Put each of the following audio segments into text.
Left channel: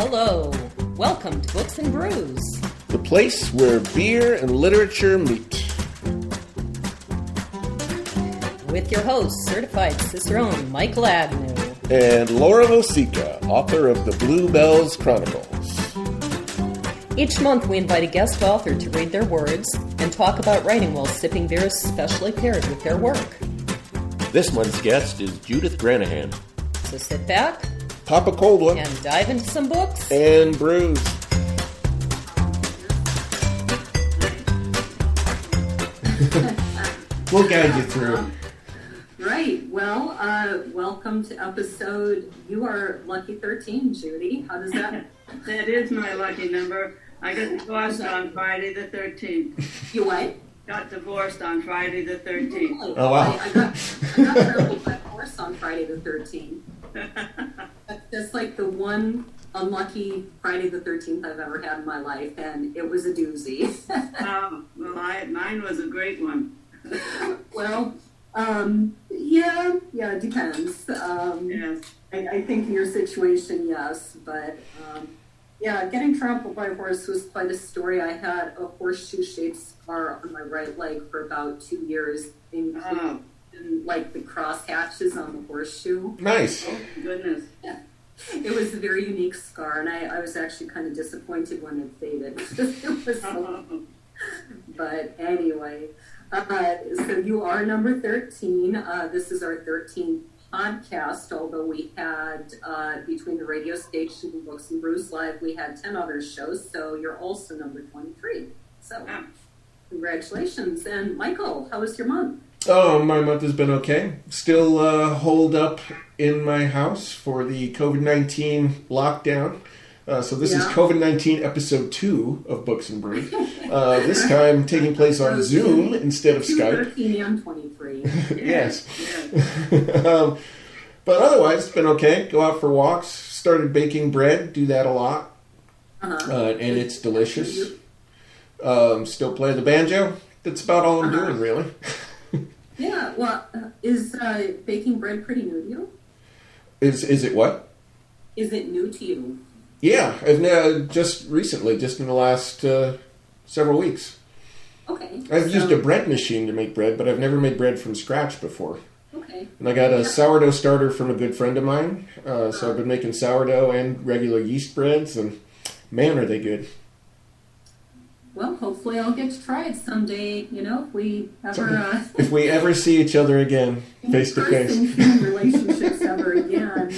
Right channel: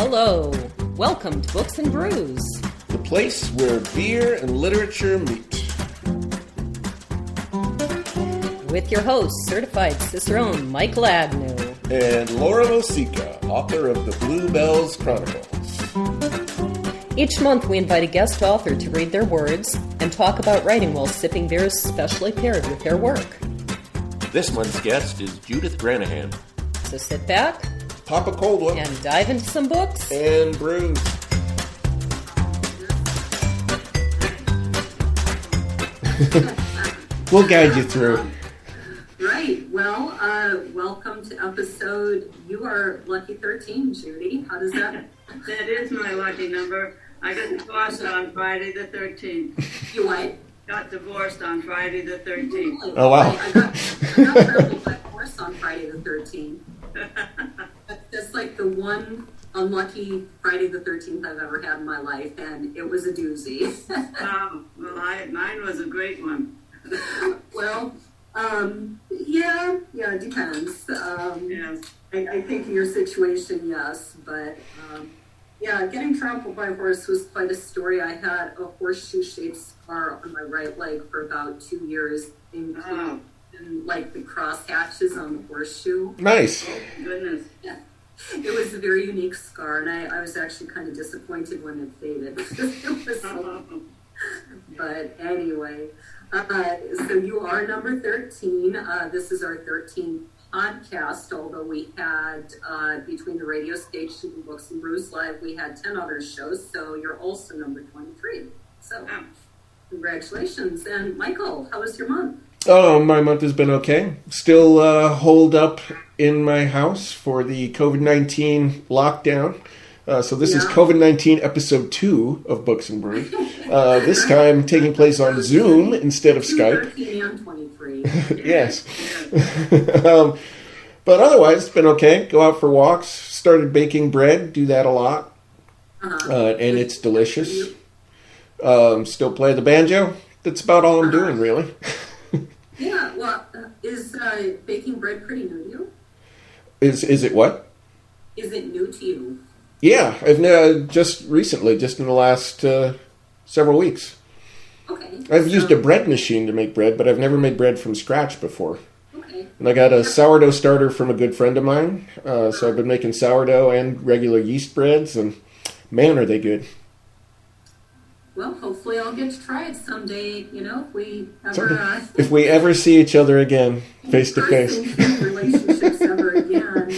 Hello, welcome to Books and Brews, the place where beer and literature meet. With your host, certified cicerone Michael Agnew. And Laura Mosica, author of the Bluebells Chronicles. Each month we invite a guest author to read their words and talk about writing while sipping beers specially paired with their work. This month's guest is Judith Granahan. So sit back, pop a cold one, and dive into some books and brews. We'll guide you through. Right. Well, welcome to episode, you are lucky 13, Judy. How does that? That is my lucky number. I got divorced on Friday the 13th. You what? Got divorced on Friday the 13th. Oh, wow. I got trampled by a horse on Friday the 13th. That's like the one unlucky Friday the 13th I've ever had in my life, and it was a doozy. Mine was a great one. Well, yeah, it depends. Yes. I think in your situation, yes, but yeah, getting trampled by a horse was quite a story. I had a horseshoe-shaped scar on my right leg for about 2 years, including like the cross hatches on the horseshoe. Nice. Oh, goodness. Yeah. It was a very unique scar, and I was actually kind of disappointed when it faded. It was so, but anyway, so you are number 13. This is our 13th podcast, although we had, between the radio station and Books and Brews Live, we had 10 other shows, so you're also number 23. So congratulations. And Michael, how was your month? Oh, my month has been okay. Still holed up in my house for the COVID-19 lockdown. So this is COVID-19 episode 2 of Books and Brews. This time taking place on Zoom instead of Skype. 13 and 23. Yes. But otherwise, it's been okay. Go out for walks. Started baking bread. Do that a lot. And it's delicious. Still play the banjo. That's about all I'm doing, really. Yeah, well, is baking bread pretty new to you? Is it what? Is it new to you? Yeah, I've just recently, just in the last several weeks. Okay. I've used a bread machine to make bread, but I've never made bread from scratch before. Okay. And I got a sourdough starter from a good friend of mine, so I've been making sourdough and regular yeast breads, and man, are they good. Well, hopefully I'll get to try it someday, if we ever... if we ever see each other again, face to face. relationships ever again.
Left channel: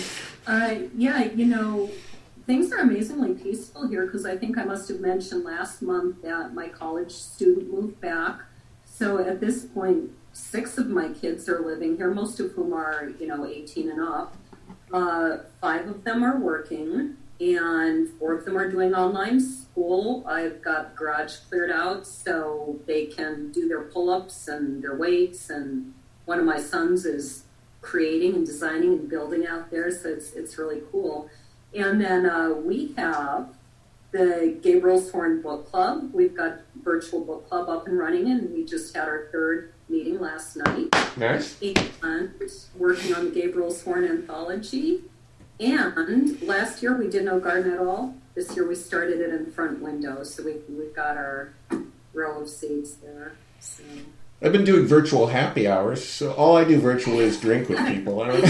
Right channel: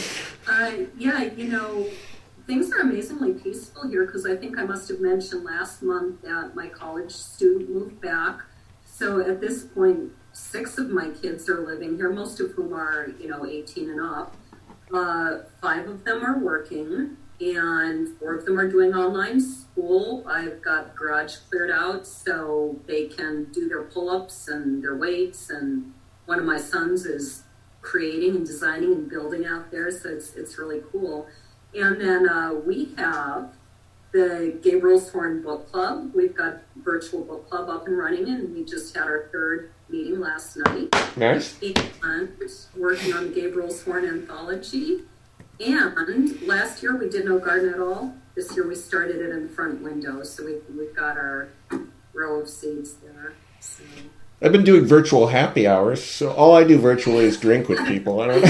Things are amazingly peaceful here, because I think I must have mentioned last month that my college student moved back. So at this point, 6 of my kids are living here, most of whom are, 18 and up. 5 of them are working, and 4 of them are doing online school. I've got the garage cleared out so they can do their pull-ups and their weights, and one of my sons is creating and designing and building out there, so it's really cool. And then we have the Gabriel's Horn Book Club. We've got virtual book club up and running, and we just had our 3rd meeting last night. Nice. And working on the Gabriel's Horn anthology. And last year we did no garden at all. This year we started it in the front window, so we've got our row of seeds there. So. I've been doing virtual happy hours, so all I do virtually is drink with people. I don't know.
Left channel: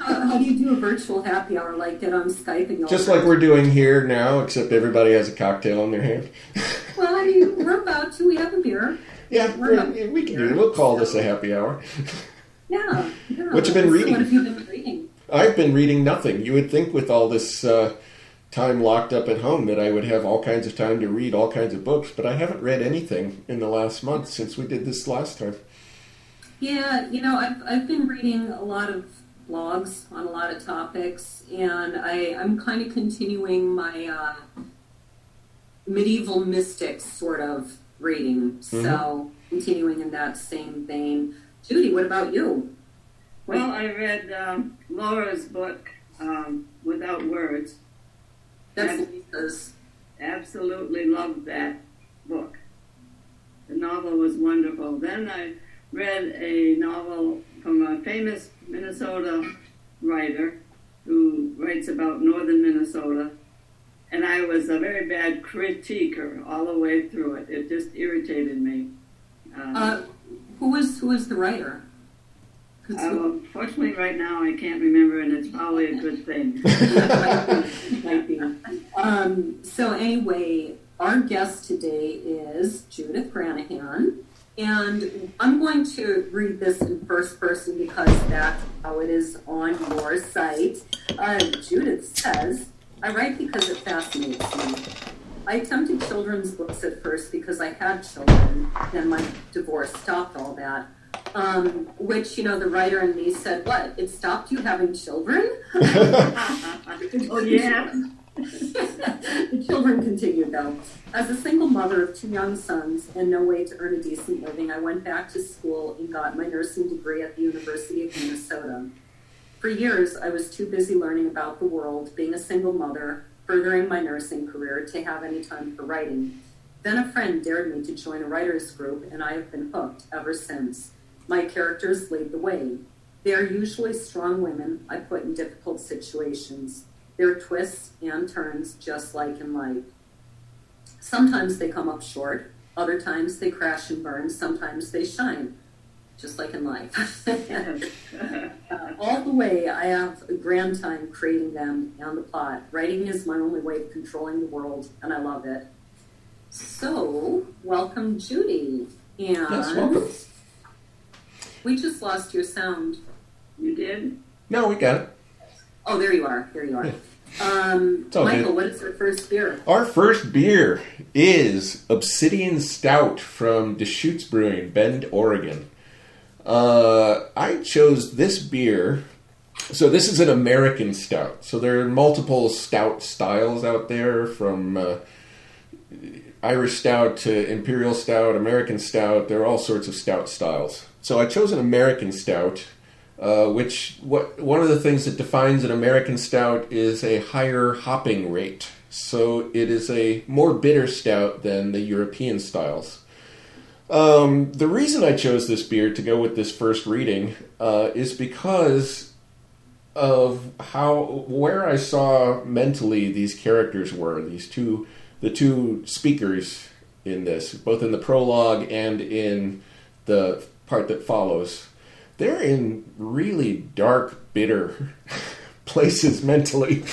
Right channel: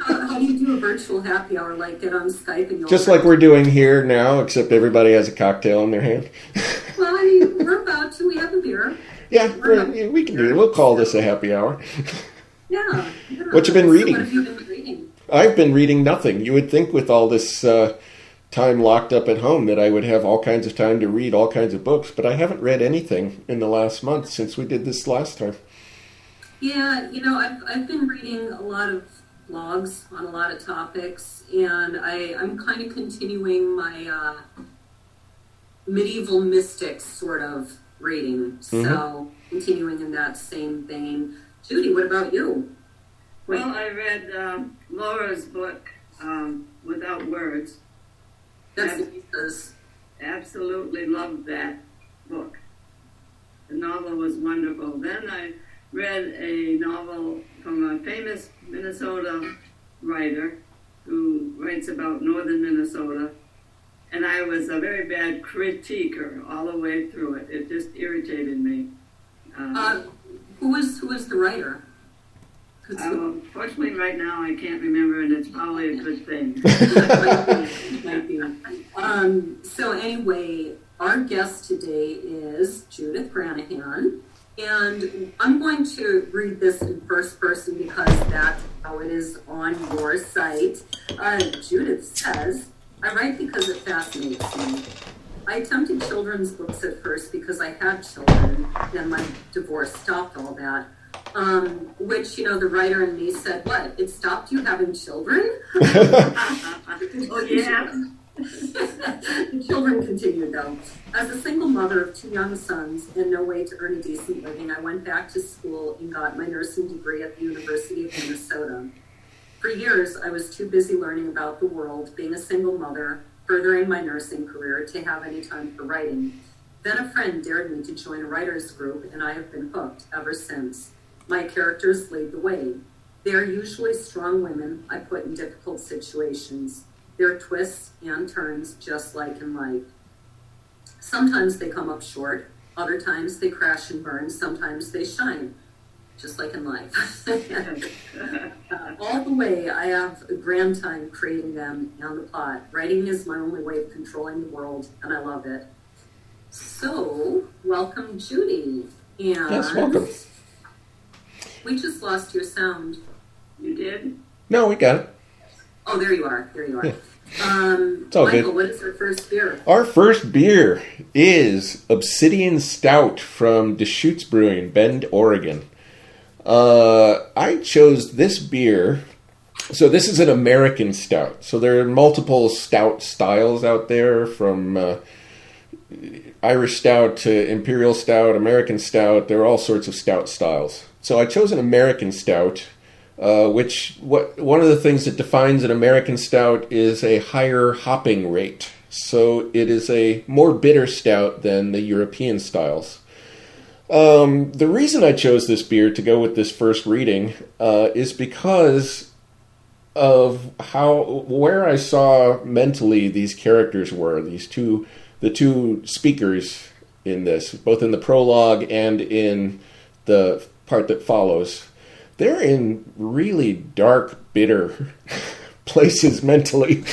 How do you do a virtual happy hour? Like get on Skype and just like we're doing here now, except everybody has a cocktail in their hand. Well, we're about to. We have a beer. Yeah, we can do it. We'll call this a happy hour. Yeah. What you been reading? What have you been reading? I've been reading nothing. You would think with all this time locked up at home that I would have all kinds of time to read all kinds of books, but I haven't read anything in the last month since we did this last time. Yeah, I've been reading a lot of blogs on a lot of topics, and I'm kind of continuing my medieval mystics sort of reading, so continuing in that same vein. Judy, what about you? Well, I read Laura's book, Without Words. Absolutely loved that book. The novel was wonderful. Then I read a novel from a famous Minnesota writer who writes about northern Minnesota, and I was a very bad critiquer all the way through it. It just irritated me. Who is the writer? Fortunately, right now I can't remember, and it's probably a good thing. Might be. So anyway, our guest today is Judith Granahan, and I'm going to read this in first person because that's how it is on your site. Judith says, I write because it fascinates me. I attempted children's books at first because I had children, then my divorce stopped all that. Which, the writer in me said, what, it stopped you having children? Oh, yeah. The children continued, though. As a single mother of 2 young sons and no way to earn a decent living, I went back to school and got my nursing degree at the University of Minnesota. For years, I was too busy learning about the world, being a single mother, furthering my nursing career, to have any time for writing. Then a friend dared me to join a writer's group, and I have been hooked ever since. My characters lead the way. They are usually strong women I put in difficult situations. There are twists and turns, just like in life. Sometimes they come up short. Other times they crash and burn. Sometimes they shine, just like in life. All the way, I have a grand time creating them and the plot. Writing is my only way of controlling the world, and I love it. So, welcome, Judy. And Yes, welcome. we just lost your sound. You did? No, we got it. Oh, there you are. There you are. Yeah. It's all Michael, good. what is our first beer? Our first beer is Obsidian Stout from Deschutes Brewing, Bend, Oregon. I chose this beer. So this is an American stout. So there are multiple stout styles out there, from Irish stout to imperial stout, American stout. There are all sorts of stout styles. So I chose an American stout, one of the things that defines an American stout is a higher hopping rate. So it is a more bitter stout than the European styles. The reason I chose this beer to go with this first reading is because of where I saw mentally these characters were, the two speakers in this, both in the prologue and in the part that follows. They're in really dark, bitter places mentally.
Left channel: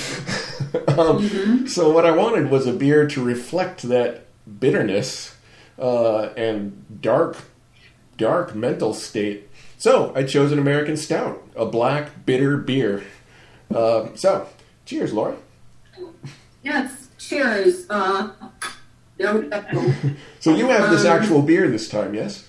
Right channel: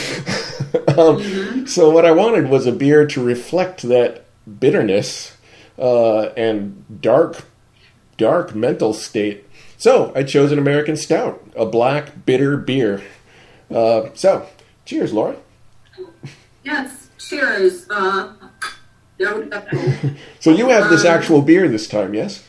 So what I wanted was a beer to reflect that bitterness and dark mental state. So I chose an American stout, a black, bitter beer. So, cheers, Laura. Yes, cheers. So you have this actual beer this time, yes?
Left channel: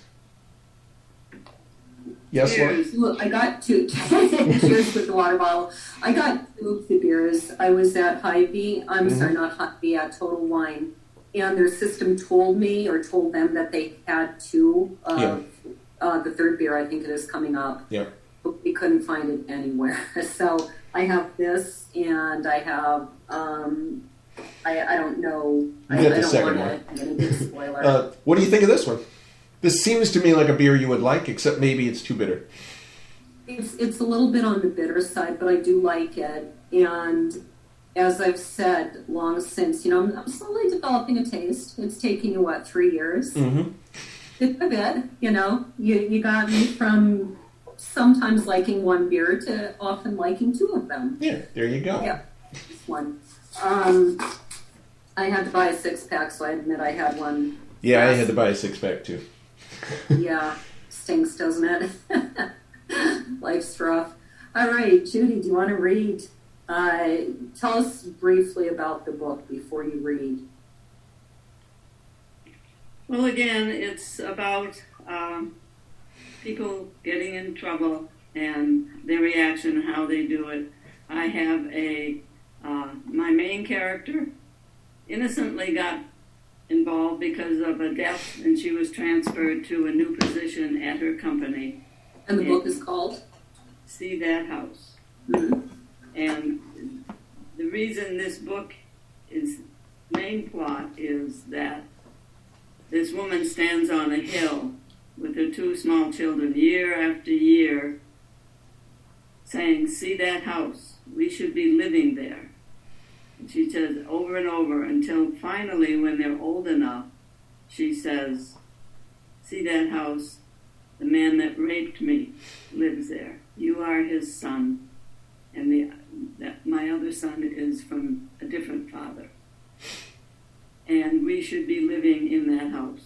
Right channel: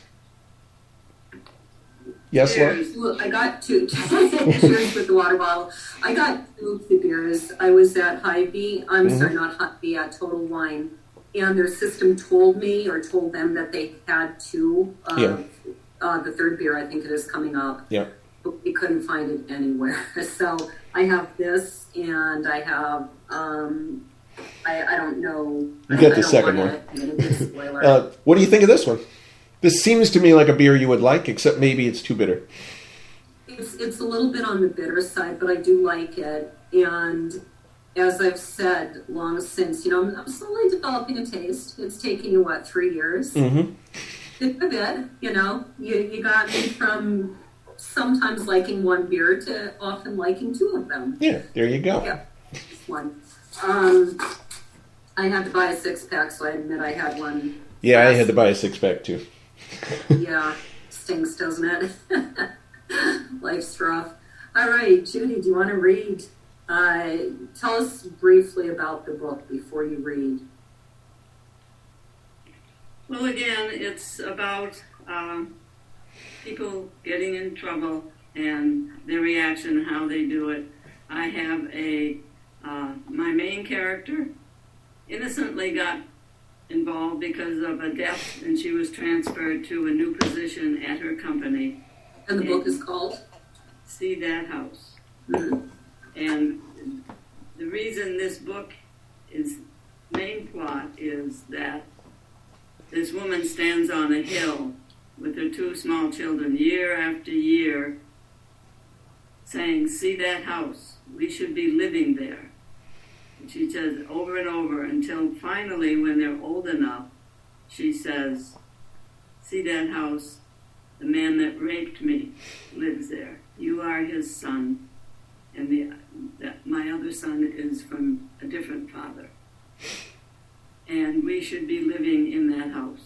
Yes, Laura? Look, I got two. Cheers with the water bottle. I got two of the beers. I was at Hy-Vee. Sorry, not Hy-Vee, at Total Wine. And their system told them that they had two of the third beer, I think it is, coming up. Yeah. But we couldn't find it anywhere. So I have this, and I have, I don't know. You get the second one. What do you think of this one? This seems to me like a beer you would like, except maybe it's too bitter. It's a little bit on the bitter side, but I do like it. And as I've said long since, I'm slowly developing a taste. It's taking you, 3 years? Mm-hmm. Bit by bit, you got me from sometimes liking one beer to often liking two of them. Yeah, there you go. Yeah, this one. I had to buy a 6-pack, so I admit I had one. Yeah, I had to buy a 6-pack too. Yeah, stinks, doesn't it? Life's rough. All right, Judy, do you want to read? Tell us briefly about the book before you read. Well, again, it's about people getting in trouble and their reaction, how they do it. I have my main character innocently got involved because of a death, and she was transferred to a new position at her company. And the book is called? See That House. Mm-hmm. And the reason this book main plot is that this woman stands on a hill with her 2 small children year after year, saying, see that house? We should be living there. And she says over and over until finally, when they're old enough, she says, see that house? The man that raped me lives there. You are his son, and my other son is from a different father. And we should be living in that house.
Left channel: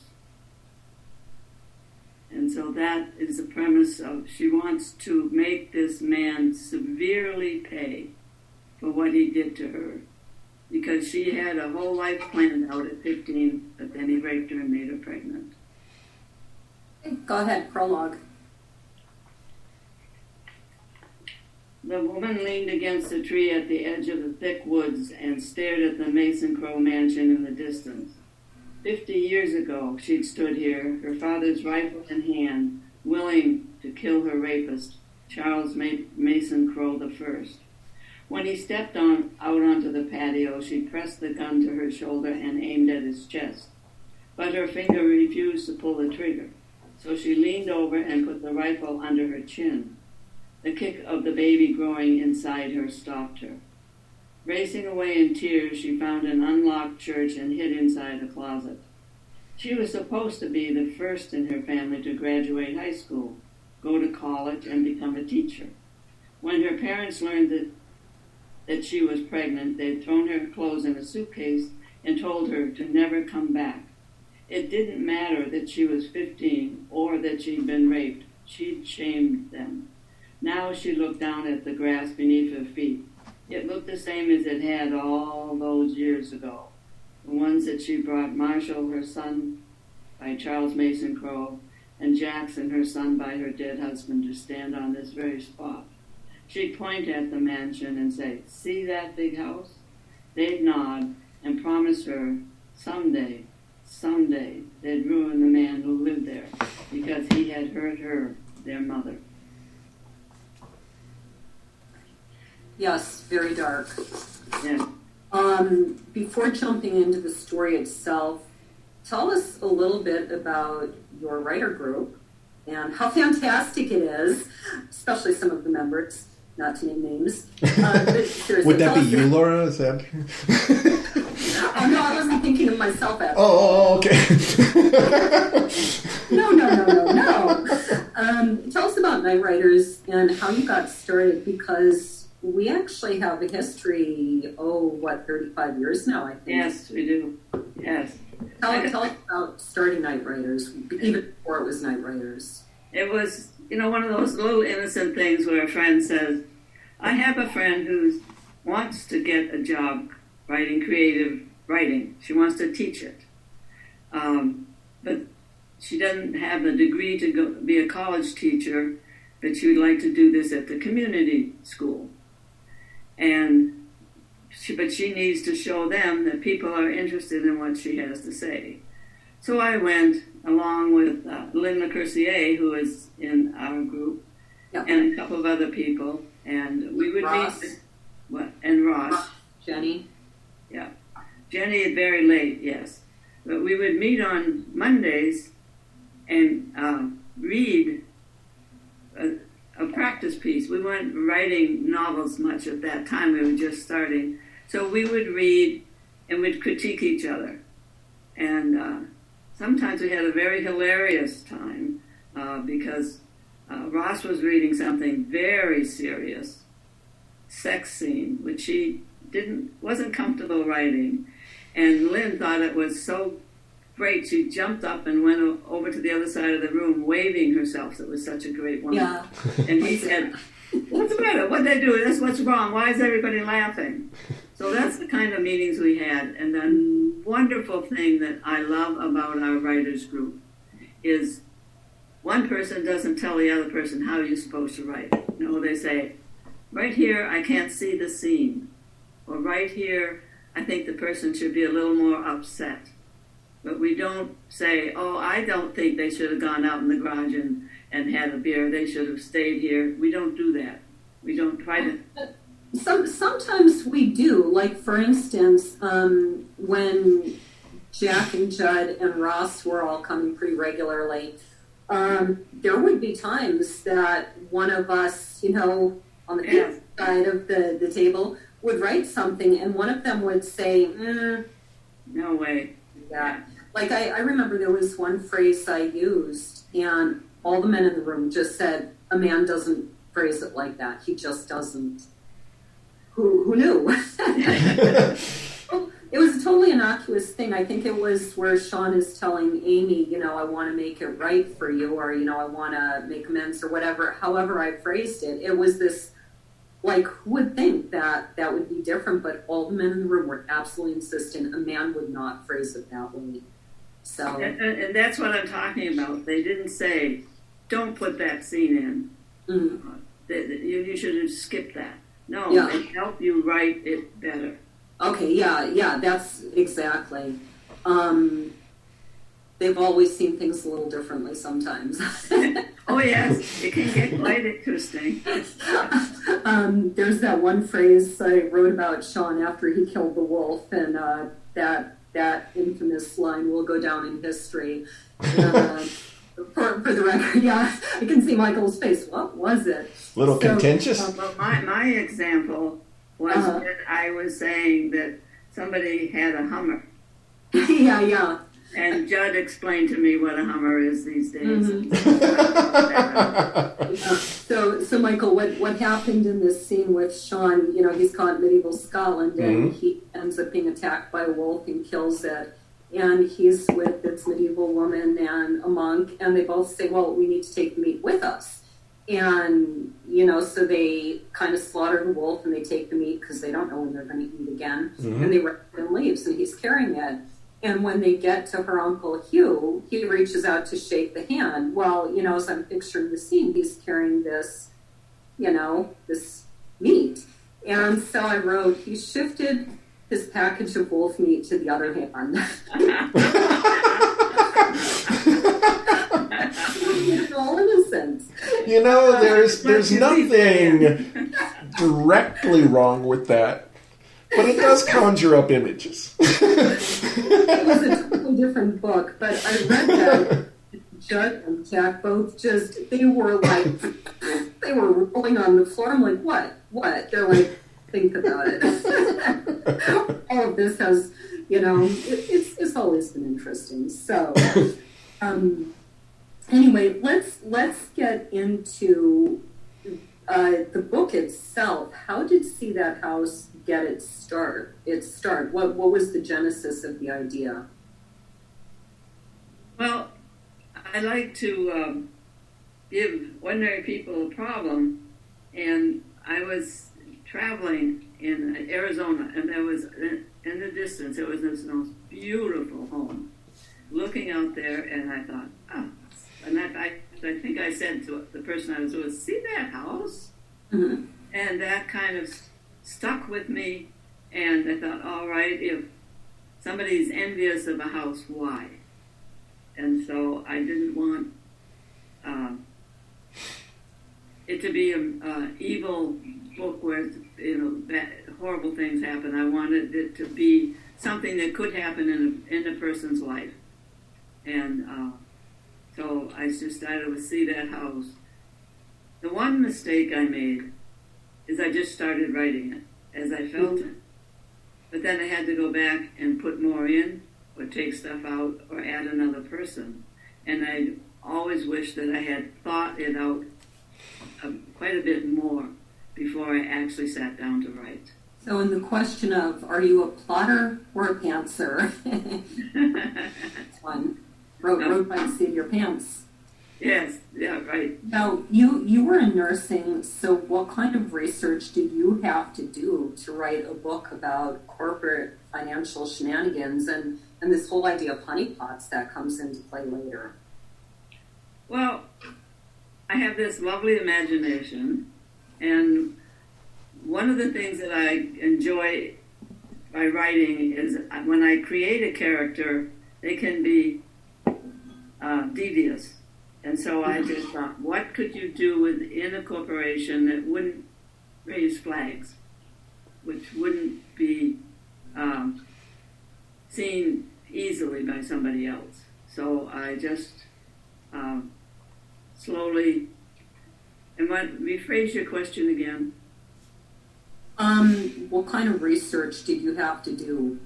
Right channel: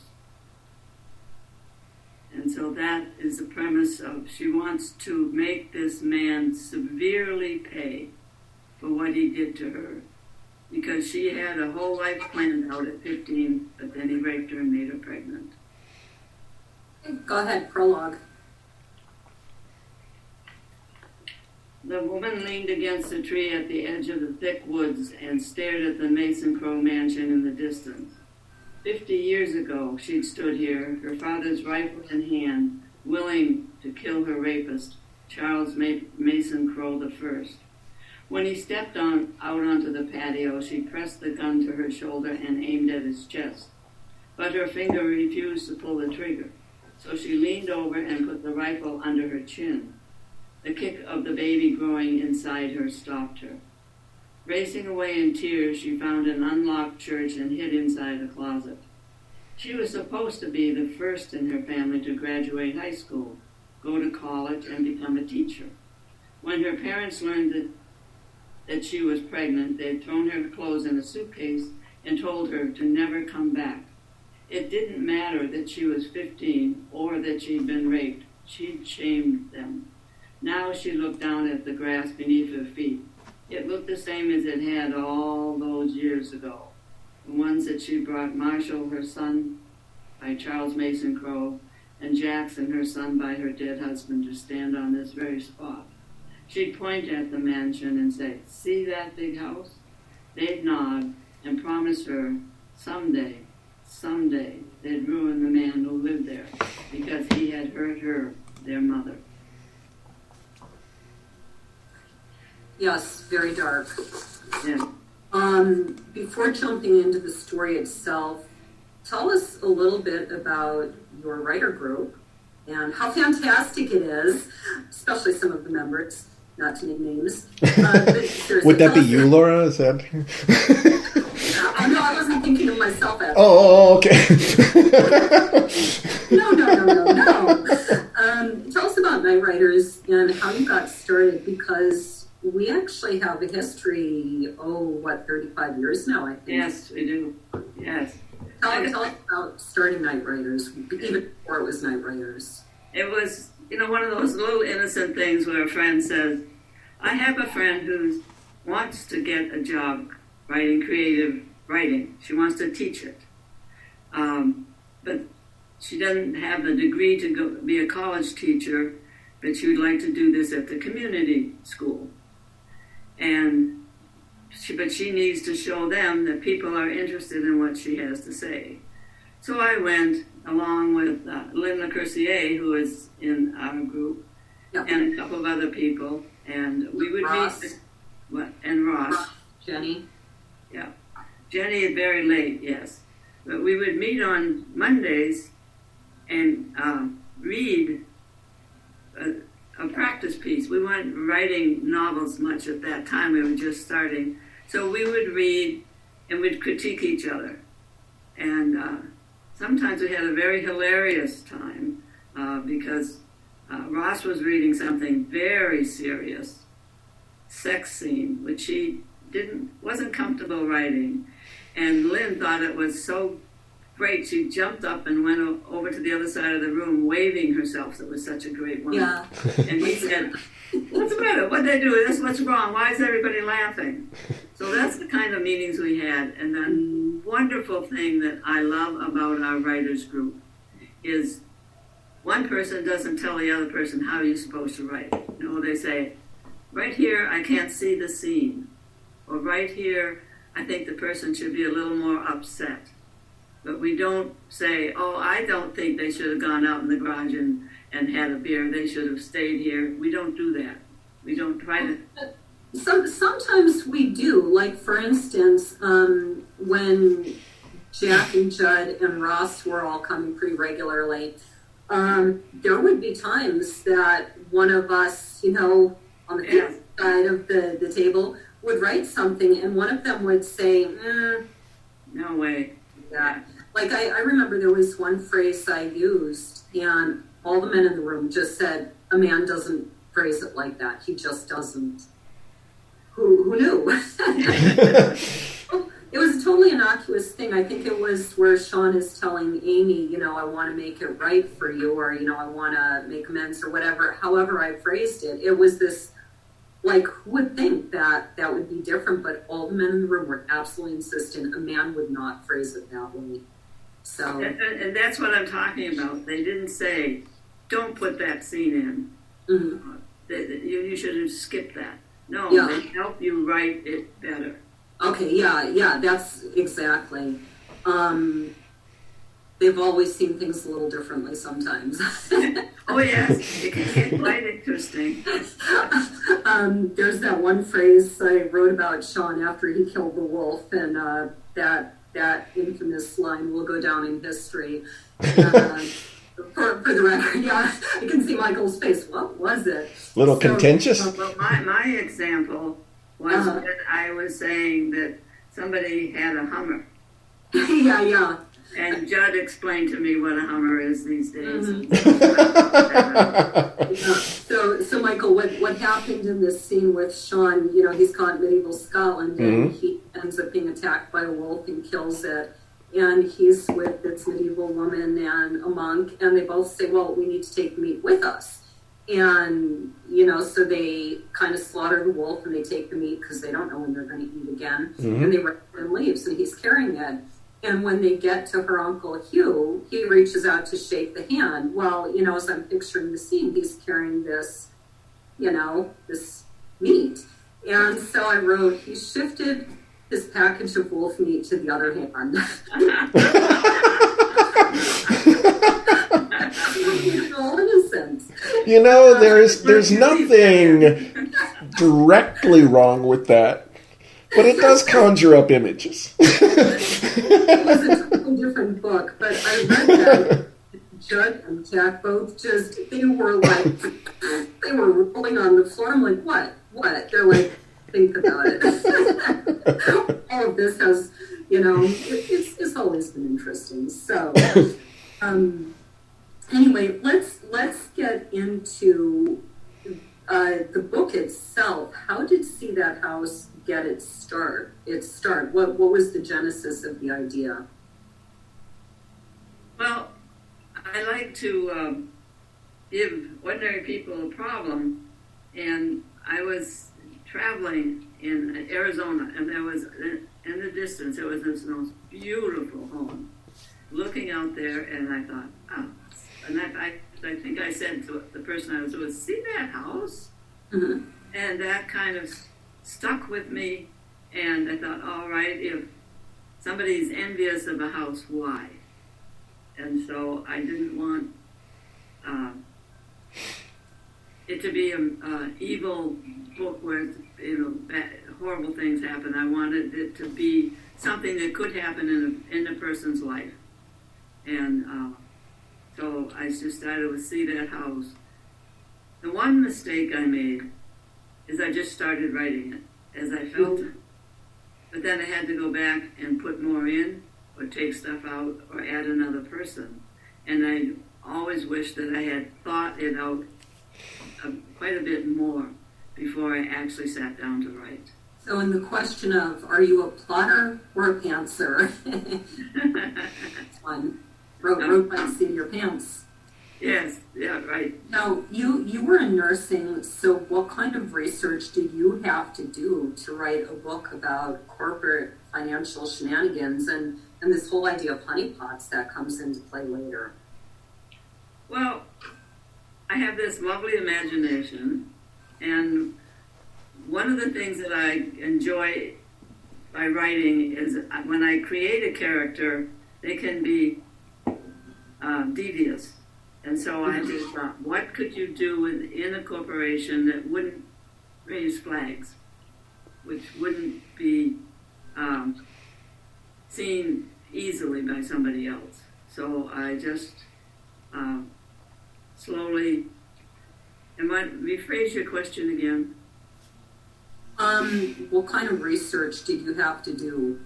And so that is the premise of, she wants to make this man severely pay for what he did to her. Because she had a whole life planned out at 15, but then he raped her and made her pregnant. Go ahead, prologue. The woman leaned against a tree at the edge of the thick woods and stared at the Mason Crow mansion in the distance. 50 years ago, she'd stood here, her father's rifle in hand, willing to kill her rapist, Charles Mason Crow I. When he stepped out onto the patio, she pressed the gun to her shoulder and aimed at his chest. But her finger refused to pull the trigger, so she leaned over and put the rifle under her chin. The kick of the baby growing inside her stopped her. Racing away in tears, she found an unlocked church and hid inside a closet. She was supposed to be the first in her family to graduate high school, go to college, and become a teacher. When her parents learned that she was pregnant, they had thrown her clothes in a suitcase and told her to never come back. It didn't matter that she was 15 or that she'd been raped. She'd shamed them. Now she looked down at the grass beneath her feet. It looked the same as it had all those years ago. The ones that she brought Marshall, her son, by Charles Mason Crow, and Jackson, her son, by her dead husband, to stand on this very spot. She'd point at the mansion and say, see that big house? They'd nod and promise her someday, they'd ruin the man who lived there because he had hurt her, their mother. Yes, very dark. Yeah. Before jumping into the story itself, tell us a little bit about your writer group and how fantastic it is, especially some of the members, not to name names. Would that be you, Laura? Is that? No, I wasn't thinking of myself. Okay. No. Tell us about Night Writers and how you got started, because we actually have a history, 35 years now, I think. Yes, we do. Yes. Tell us about starting Night Writers, even before it was Night Writers. It was, one of those little innocent things where a friend says, I have a friend who wants to get a job writing creative writing. She wants to teach it. But she doesn't have the degree to go be a college teacher, but she would like to do this at the community school. But she needs to show them that people are interested in what she has to say. So I went along with Lynn LeCourcier, who is in our group, and a couple of other people, and we would meet. And Ross. Jenny. Yeah. Jenny is very late, yes. But we would meet on Mondays and read a practice piece. We weren't writing novels much at that time. We were just starting. So we would read and we'd critique each other. And sometimes we had a very hilarious time because Ross was reading something very serious, sex scene, which she wasn't comfortable writing. And Lynn thought it was so great, she jumped up and went over to the other side of the room, waving herself. It was such a great one. Yeah. And he said, what's the matter? What'd they do? That's what's wrong. Why is everybody laughing? So that's the kind of meetings we had. And the wonderful thing that I love about our writers group is one person doesn't tell the other person how you're supposed to write. They say, right here, I can't see the scene. Or right here, I think the person should be a little more upset. But we don't say, I don't think they should have gone out in the garage and had a beer. They should have stayed here. We don't do that. We don't try to. Sometimes we do. Like, for instance, when Jack and Judd and Ross were all coming pretty regularly, there would be times that one of us, on the side of the table would write something, and one of them would say, no way. Yeah. Like, I remember there was one phrase I used, and all the men in the room just said, a man doesn't phrase it like that. He just doesn't. Who knew? It was a totally innocuous thing. I think it was where Sean is telling Amy, you know, I want to make it right for you, or, you know, I want to make amends, or whatever. However I phrased it, it was this, like, who would think that that would be different? But all the men in the room were absolutely insistent a man would not phrase it that way. So, and that's what I'm talking about. They didn't say, don't put that scene in. Mm-hmm. You should have skipped that. No, Yeah. they help you write it better. Okay, yeah, that's exactly. They've always seen things a little differently sometimes. Oh, yes, it can get quite interesting. There's that one phrase I wrote about Sean after he killed the wolf, and that infamous line will go down in history. For the record, yeah, I can see Michael's face. What was it? Little contentious? Well, my example was that I was saying that somebody had a Hummer. Yeah. And Judd explained to me what a Hummer is these days. Mm-hmm. So Michael, what happened in this scene with Sean, you know, he's caught in medieval Scotland, and he ends up being attacked by a wolf and kills it. And he's with this medieval woman and a monk, and they both say, well, we need to take the meat with us. And, you know, so they kind of slaughter the wolf and they take the meat because they don't know when they're going to eat again. Mm-hmm. And they rip it and leaves, and he's carrying it. And when they get to her Uncle Hugh, he reaches out to shake the hand. Well, you know, as I'm picturing the scene, he's carrying this, you know, this meat. And so I wrote, he shifted his package of wolf meat to the other hand. All innocent. You know, there's nothing directly wrong with that, but it does conjure up images. It was a totally different book, but I read that. Judd and Jack both they were rolling on the floor. I'm like, what? They're like, think about it. All of this has, you know, it's always been interesting. So, anyway, let's get into the book itself. How did See That House get its start? What was the genesis of the idea? Well, I like to give ordinary people a problem, and I was traveling in Arizona, and there was, in the distance, there was this most beautiful home. Looking out there, and I thought, oh, and I think I said to the person I was with, see that house? Mm-hmm. And that kind of stuck with me, and I thought, all right, if somebody's envious of a house, why? And so I didn't want it to be an evil book where, you know, bad, horrible things happen. I wanted it to be something that could happen in a person's life. And so I just started with See That House. The one mistake I made is I just started writing it as I felt it. But then I had to go back and put more in, or take stuff out, or add another person. And I always wished that I had thought it out quite a bit more before I actually sat down to write. So in the question of, are you a plotter or a pantser? That's one. Wrote by the seat of your pants. Yes, yeah, right. Now, you were in nursing, so what kind of research did you have to do to write a book about corporate financial shenanigans and this whole idea of honeypots that comes into play later? Well, I have this lovely imagination, and one of the things that I enjoy by writing is when I create a character, they can be devious. And so I just thought, what could you do within a corporation that wouldn't raise flags, which wouldn't be seen easily by somebody else? So I just slowly, and rephrase your question again. What kind of research did you have to do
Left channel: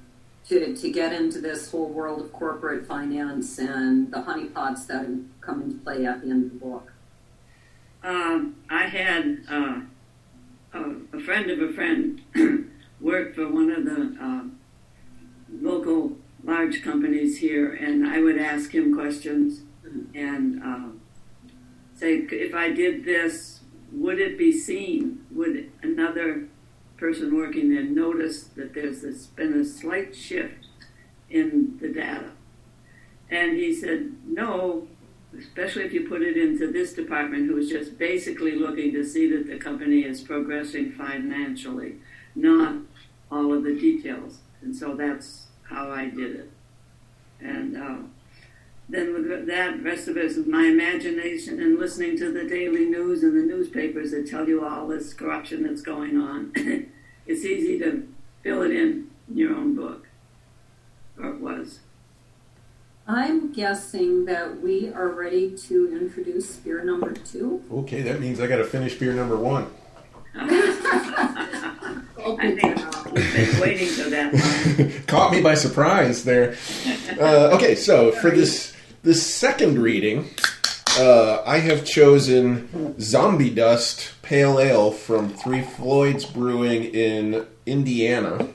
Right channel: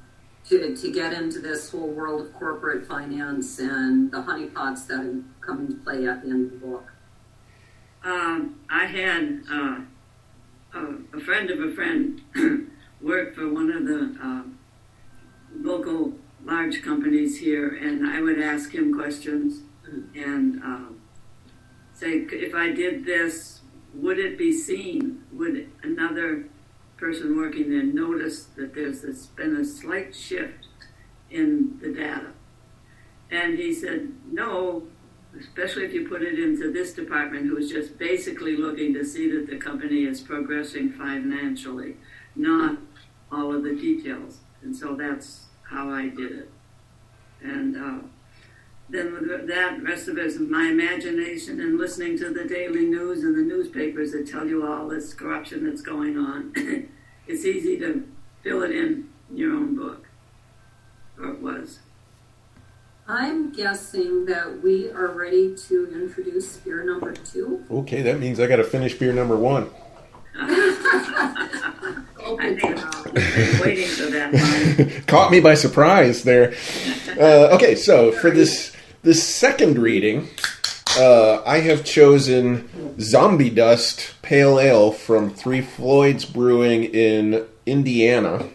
to get into this whole world of corporate finance and the honeypots that come into play at the end of the book? I had a friend of a friend work for one of the local large companies here, and I would ask him questions and say, if I did this, would it be seen? Would another person working there notice that there's been a slight shift in the data? And he said, no, especially if you put it into this department, who is just basically looking to see that the company is progressing financially, not all of the details. And so that's how I did it. And then that rest of it is my imagination and listening to the daily news and the newspapers that tell you all this corruption that's going on. It's easy to fill it in your own book, or it was. I'm guessing that we are ready to introduce beer number 2. Okay, that means I got to finish beer number 1. I think I've been waiting for that one. Caught me by surprise there. Okay, so for this second reading, I have chosen Zombie Dust Pale Ale from Three Floyds Brewing in Indiana.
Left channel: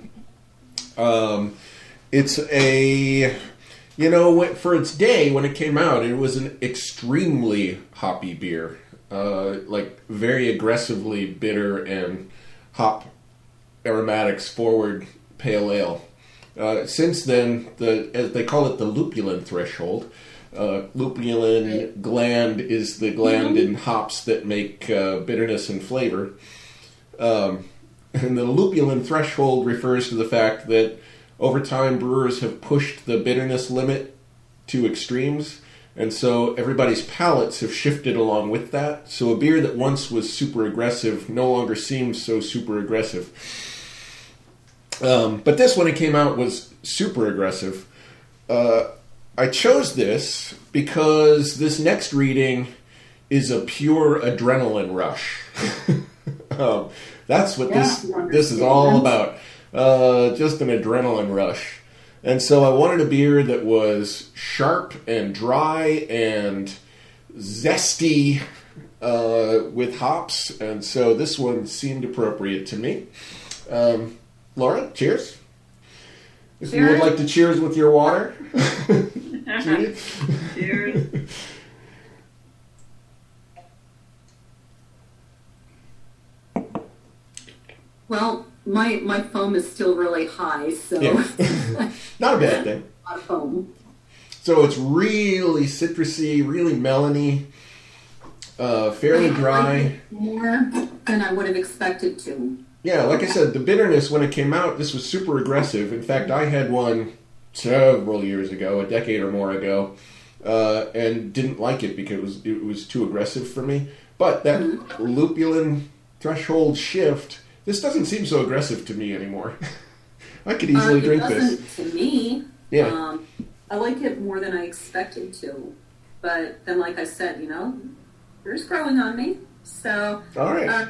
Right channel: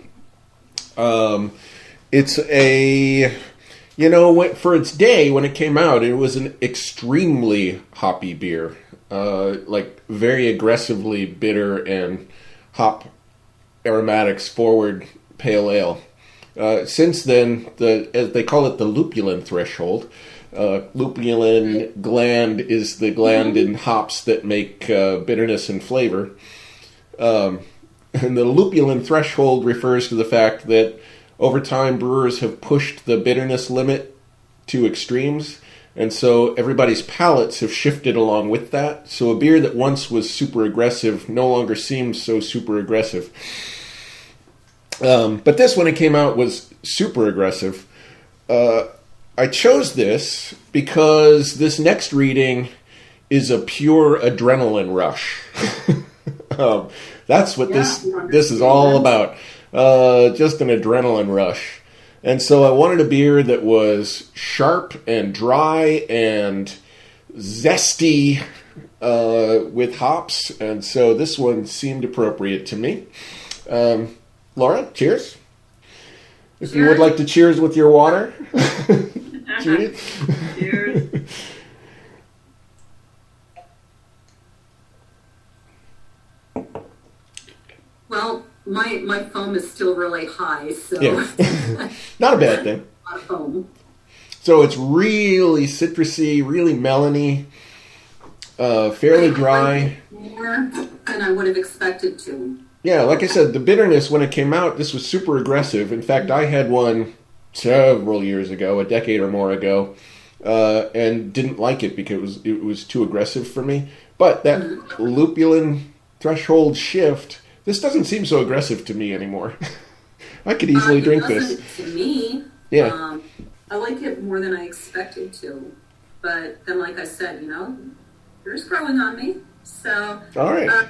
It's a, for its day when it came out, it was an extremely hoppy beer. Like very aggressively bitter and hop aromatics forward pale ale. Since then, as they call it, the lupulin threshold. Lupulin gland is the gland in hops that make bitterness and flavor. And the lupulin threshold refers to the fact that over time brewers have pushed the bitterness limit to extremes. And so everybody's palates have shifted along with that. So a beer that once was super aggressive no longer seems so super aggressive. But this, when it came out, was super aggressive. I chose this because this next reading is a pure adrenaline rush. That's what this is all about. Just an adrenaline rush. And so I wanted a beer that was sharp and dry and zesty with hops. And so this one seemed appropriate to me. Laura, cheers. If you would like to cheers with your water. Judy? Cheers. Well, my foam is still really high, so yeah. Not a bad thing. A lot of foam. So it's really citrusy, really melony, fairly dry. More than I would have expected to. Yeah, like I said, the bitterness when it came out, this was super aggressive. In fact, I had one several years ago, a decade or more ago, and didn't like it because it was too aggressive for me. But that lupulin threshold shift, this doesn't seem so aggressive to me anymore. I could easily drink this. To me, yeah. I like it more than I expected to. But then, like I said, yours growing on me. So, all right.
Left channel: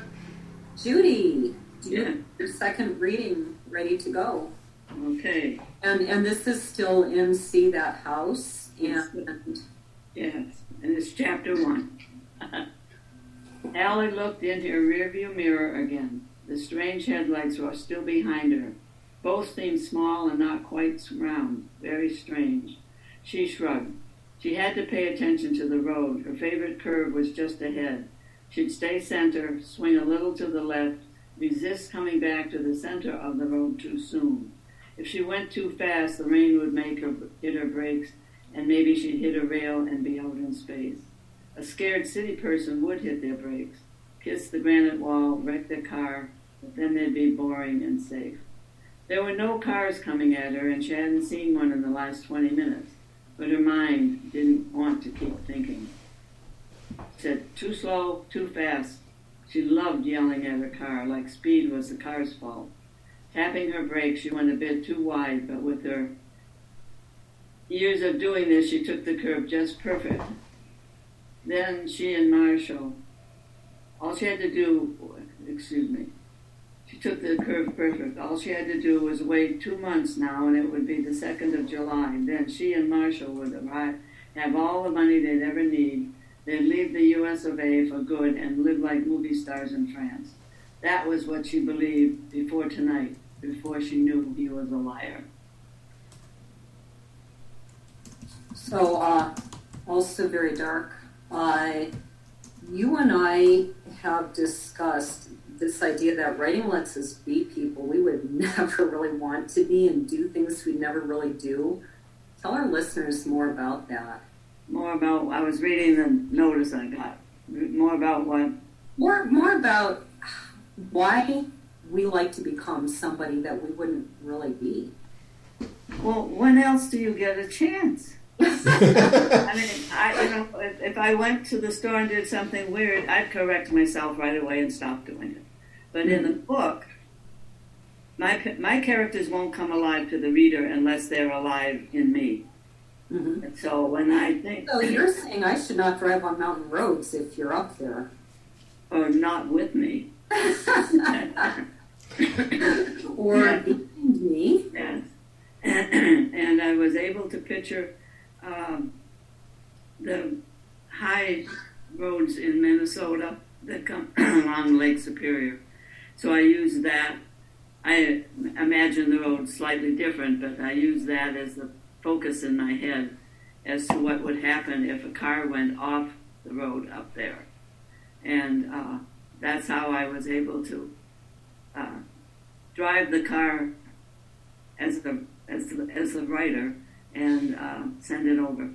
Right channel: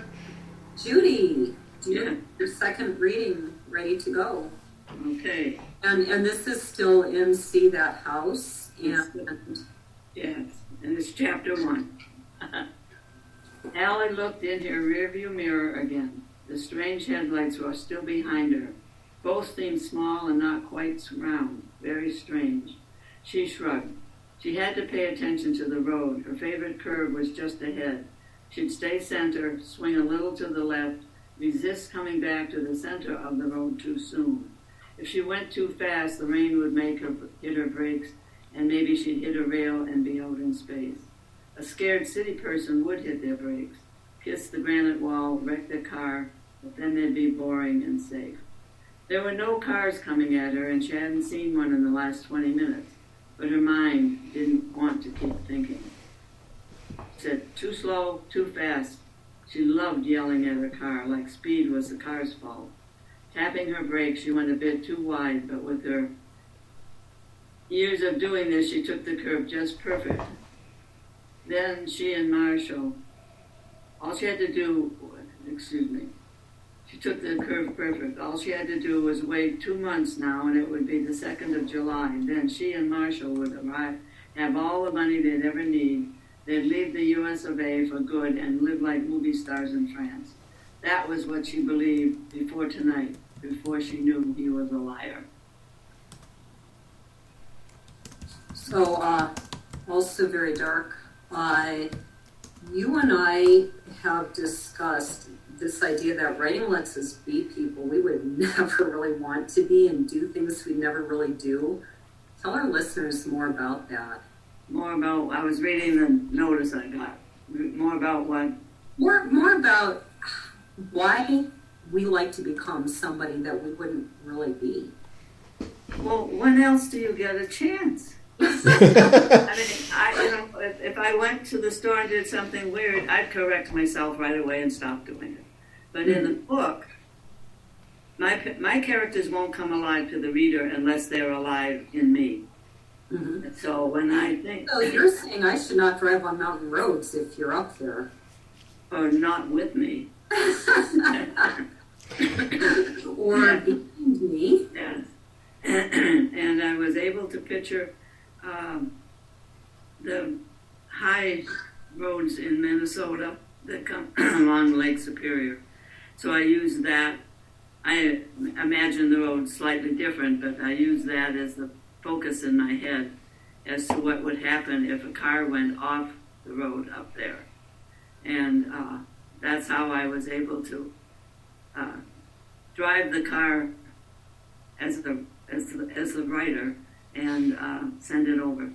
Judy, do you have your second reading ready to go? Okay. And this is still in See That House. Yes, and it's chapter 1. Allie looked in her rearview mirror again. The strange headlights were still behind her. Both seemed small and not quite round. Very strange. She shrugged. She had to pay attention to the road. Her favorite curve was just ahead. She'd stay center, swing a little to the left, resist coming back to the center of the road too soon. If she went too fast, the rain would make her hit her brakes, and maybe she'd hit a rail and be out in space. A scared city person would hit their brakes, kiss the granite wall, wreck their car, but then they'd be boring and safe. There were no cars coming at her, and she hadn't seen one in the last 20 minutes, but her mind didn't want to keep thinking. She said, too slow, too fast. She loved yelling at her car, like speed was the car's fault. Tapping her brakes, she went a bit too wide, but with her years of doing this, she took the curve just perfect. Then she and Marshall, all she had to do, She took the curve perfect. All she had to do was wait 2 months now, and it would be the 2nd of July. Then she and Marshall would arrive, have all the money they'd ever need. They'd leave the US of A for good and live like movie stars in France. That was what she believed before tonight, before she knew he was a liar. So, also very dark. You and I have discussed this idea that writing lets us be people we would never really want to be and do things we never really do. Tell our listeners more about that. More about, I was reading the notice I got. More about what? More about why we like to become somebody that we wouldn't really be. Well, when else do you get a chance? I mean, if I went to the store and did something weird, I'd correct myself right away and stop doing it. But in the book, my characters won't come alive to the reader unless they're alive in me. Mm-hmm. And so when I think... So you're saying I should not drive on mountain roads if you're up there. Or not with me. Or behind me. Yes. And I was able to picture the high roads in Minnesota that come along Lake Superior. So I used that. I imagine the road slightly different, but I used that as the focus in my head as to what would happen if a car went off the road up there. And that's how I was able to drive the car as the writer and send it over.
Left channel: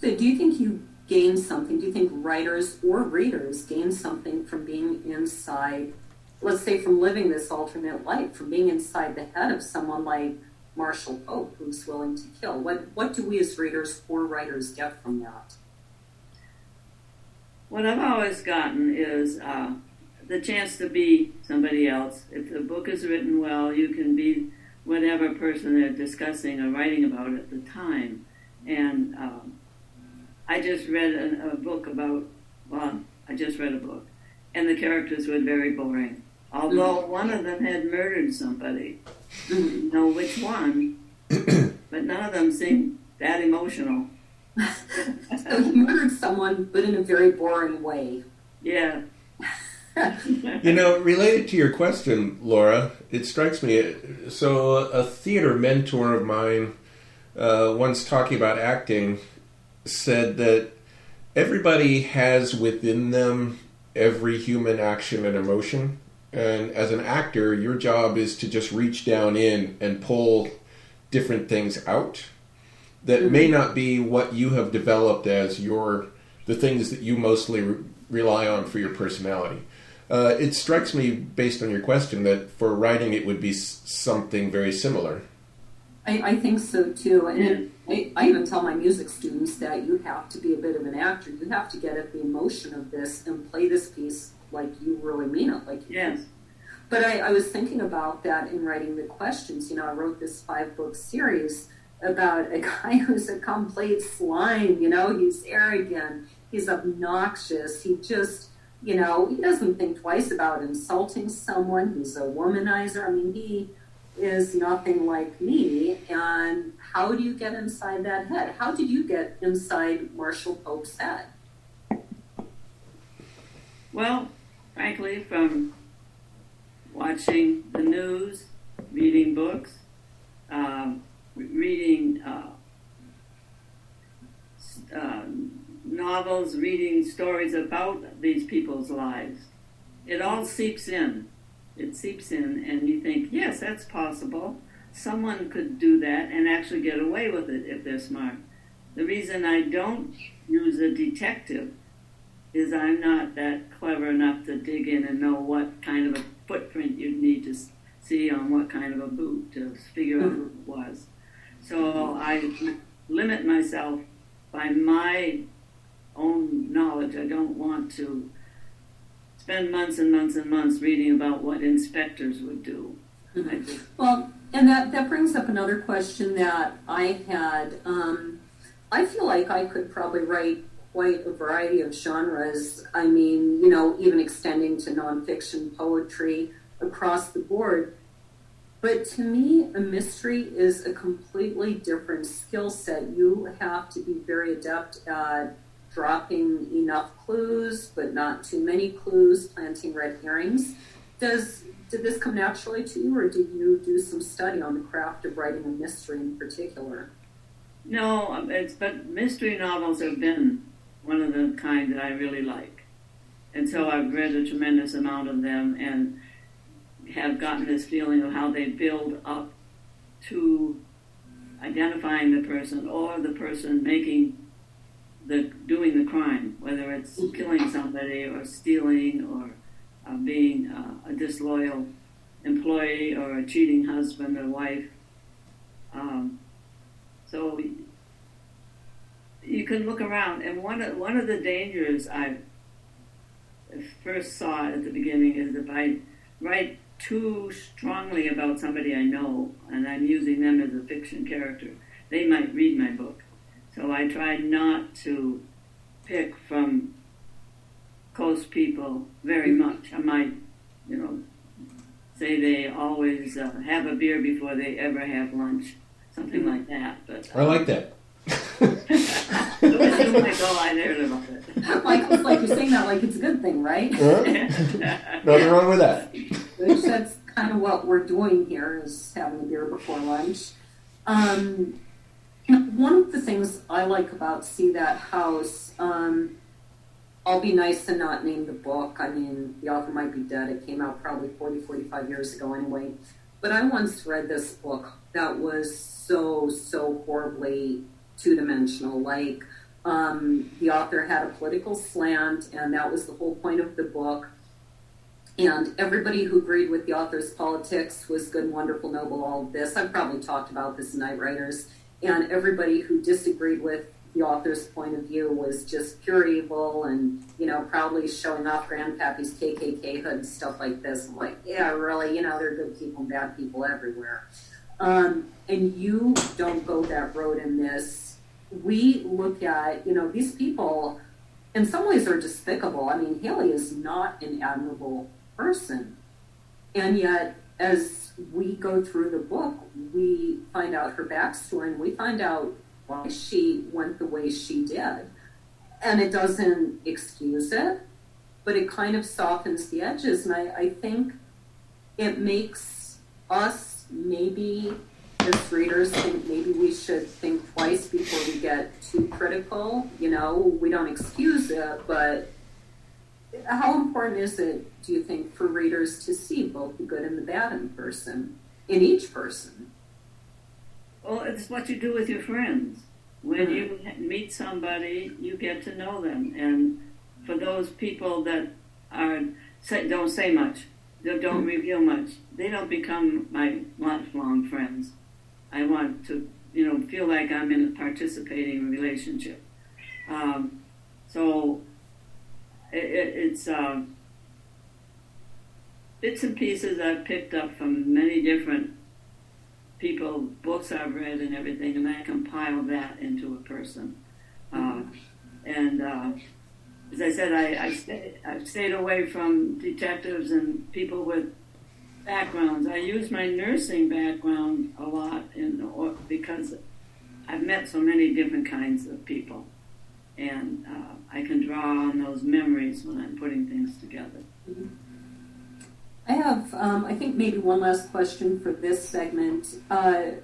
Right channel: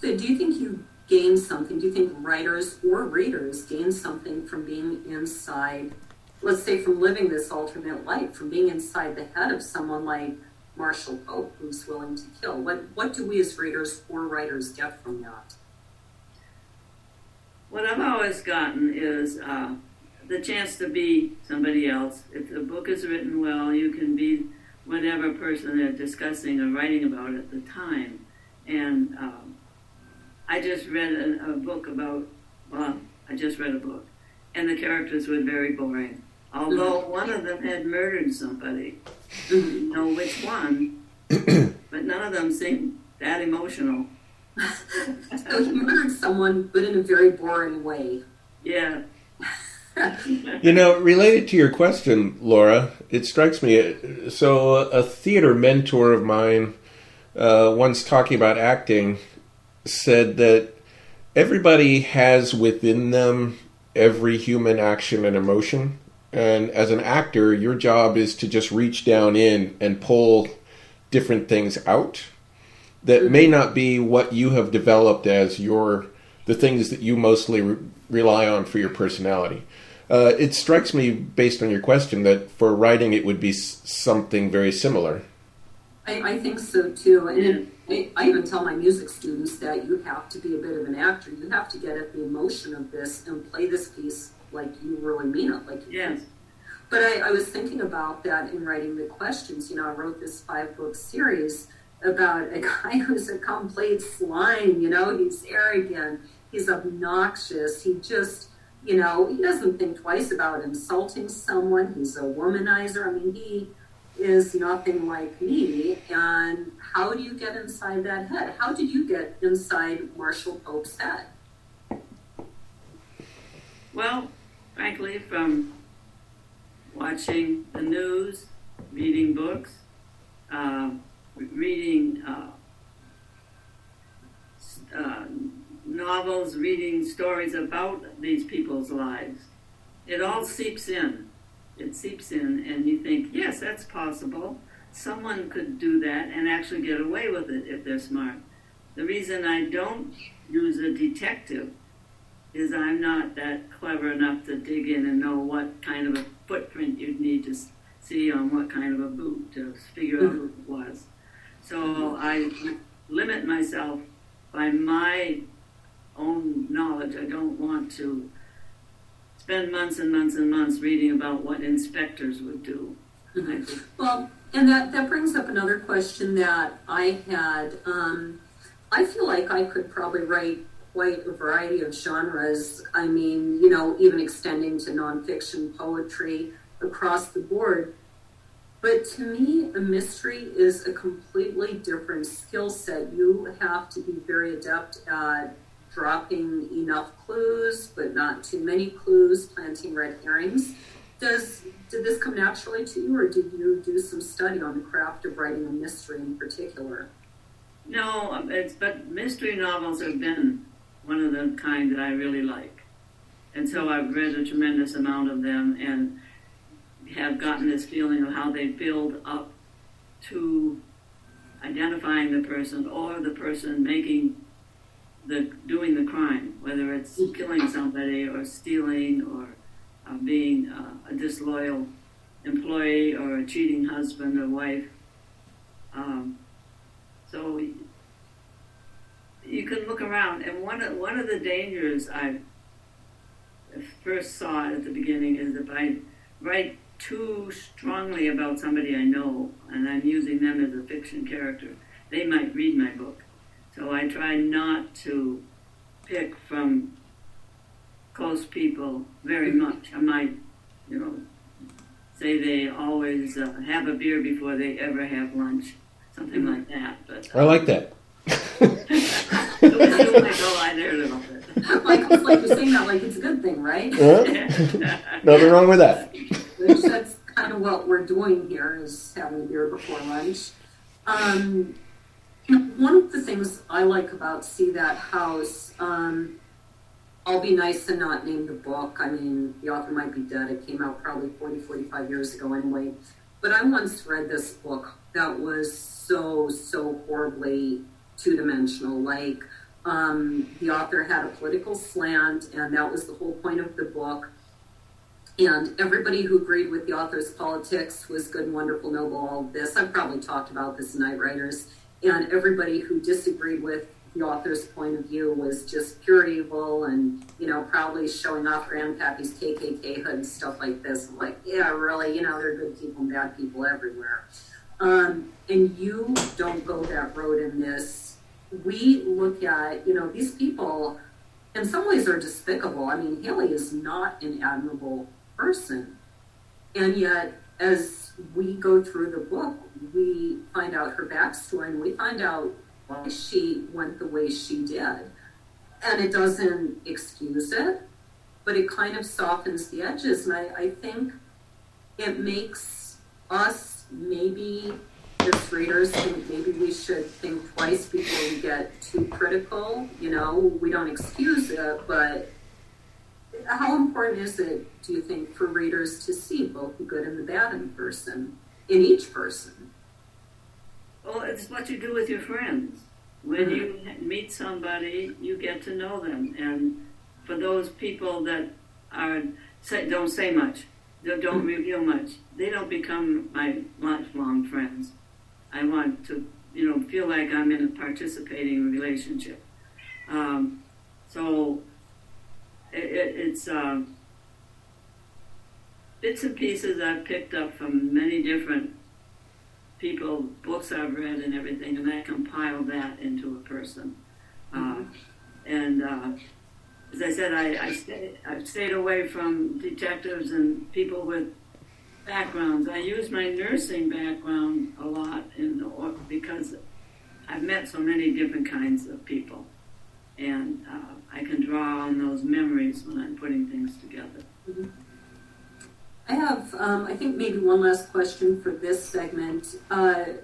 So do you think you gain something? Do you think writers or readers gain something from being inside, let's say from living this alternate life, from being inside the head of someone like Marshall Pope, who's willing to kill? What do we as readers or writers get from that? What I've always gotten is the chance to be somebody else. If the book is written well, you can be whatever person they're discussing or writing about at the time. And I just read a book about, I just read a book, and the characters were very boring. Although one of them had murdered somebody. Didn't know which one, but none of them seemed that emotional. So he murdered someone, but in a very boring way. Yeah. Related to your question, Laura, it strikes me, so a theater mentor of mine, once talking about acting, said that everybody has within them every human action and emotion. And as an actor, your job is to just reach down in and pull different things out that may not be what you have developed as the things that you mostly rely on for your personality. It strikes me, based on your question, that for writing it would be something very similar. I think so too. And I even tell my music students that you have to be a bit of an actor. You have to get at the emotion of this and play this piece like you really mean it. Like yes. But I was thinking about that in writing the questions. I wrote this 5-book series about a guy who's a complete swine. He's arrogant, he's obnoxious, he just, he doesn't think twice about insulting someone. He's a womanizer. I mean, he is nothing like me. And how do you get inside that head? How did you get inside Marshall Pope's head? Well, frankly, from watching the news, reading books, reading novels, reading stories about these people's lives. It all seeps in. It seeps in, and you think, yes, that's possible. Someone could do that and actually get away with it if they're smart. The reason I don't use a detective is I'm not that clever enough to dig in and know what kind of a footprint you'd need to see on what kind of a boot to figure out who it was. So I limit myself by my own knowledge. I don't want to spend months and months and months reading about what inspectors would do. Well, and that brings up another question that I had. I feel like I could probably write quite a variety of genres. I mean, even extending to nonfiction poetry, across the board. But to me, a mystery is a completely different skill set. You have to be very adept at dropping enough clues, but not too many clues, planting red herrings. Did this come naturally to you, or did you do some study on the craft of writing a mystery in particular? No, but mystery novels have been one of the kind that I really like. And so I've read a tremendous amount of them and have gotten this feeling of how they build up to identifying the person or the person doing the crime, whether it's killing somebody or stealing or being a disloyal employee or a cheating husband or wife. So you can look around, and one of the dangers I first saw at the beginning is if I write too strongly about somebody I know and I'm using them as a fiction character, they might read my book. So I try not to pick from close people very much. I might, say they always have a beer before they ever have lunch, something like that. But I like that. Like you're saying that like it's a good thing, right? Nothing wrong with that. Which that's kind of what we're doing here, is having a beer before lunch. One of the things I like about See That House, I'll be nice and not name the book. I mean, the author might be dead. It came out probably 45 years ago anyway. But I once read this book that was so horribly two-dimensional. Like, the author had a political slant, and that was the whole point of the book. And everybody who agreed with the author's politics was good, wonderful, noble, all of this. I've probably talked about this in Night Writers. And everybody who disagreed with the author's point of view was just pure evil and, probably showing off Grandpappy's KKK hood and stuff like this. I'm like, yeah, really, there are good people and bad people everywhere. And you don't go that road in this. We look at, these people in some ways are despicable. I mean, Hailey is not an admirable person. And yet, as we go through the book, we find out her backstory and we find out why she went the way she did. And it doesn't excuse it, but it kind of softens the edges. And I think it makes us, maybe as readers, think maybe we should think twice before we get too critical. We don't excuse it, but how important is it, do you think, for readers to see both the good and the bad in each person? Well, it's what you do with your friends. When you meet somebody, you get to know them. And for those people that don't say much, that don't reveal much, they don't become my lifelong friends. I want to, feel like I'm in a participating relationship. So it's bits and pieces I've picked up from many different people, books I've read and everything, and I compile that into a person. As I said, I've stayed away from detectives and people with backgrounds. I use my nursing background a lot because I've met so many different kinds of people, and I can draw on those memories when I'm putting things together. Mm-hmm. I have, I think, maybe one last question for this segment.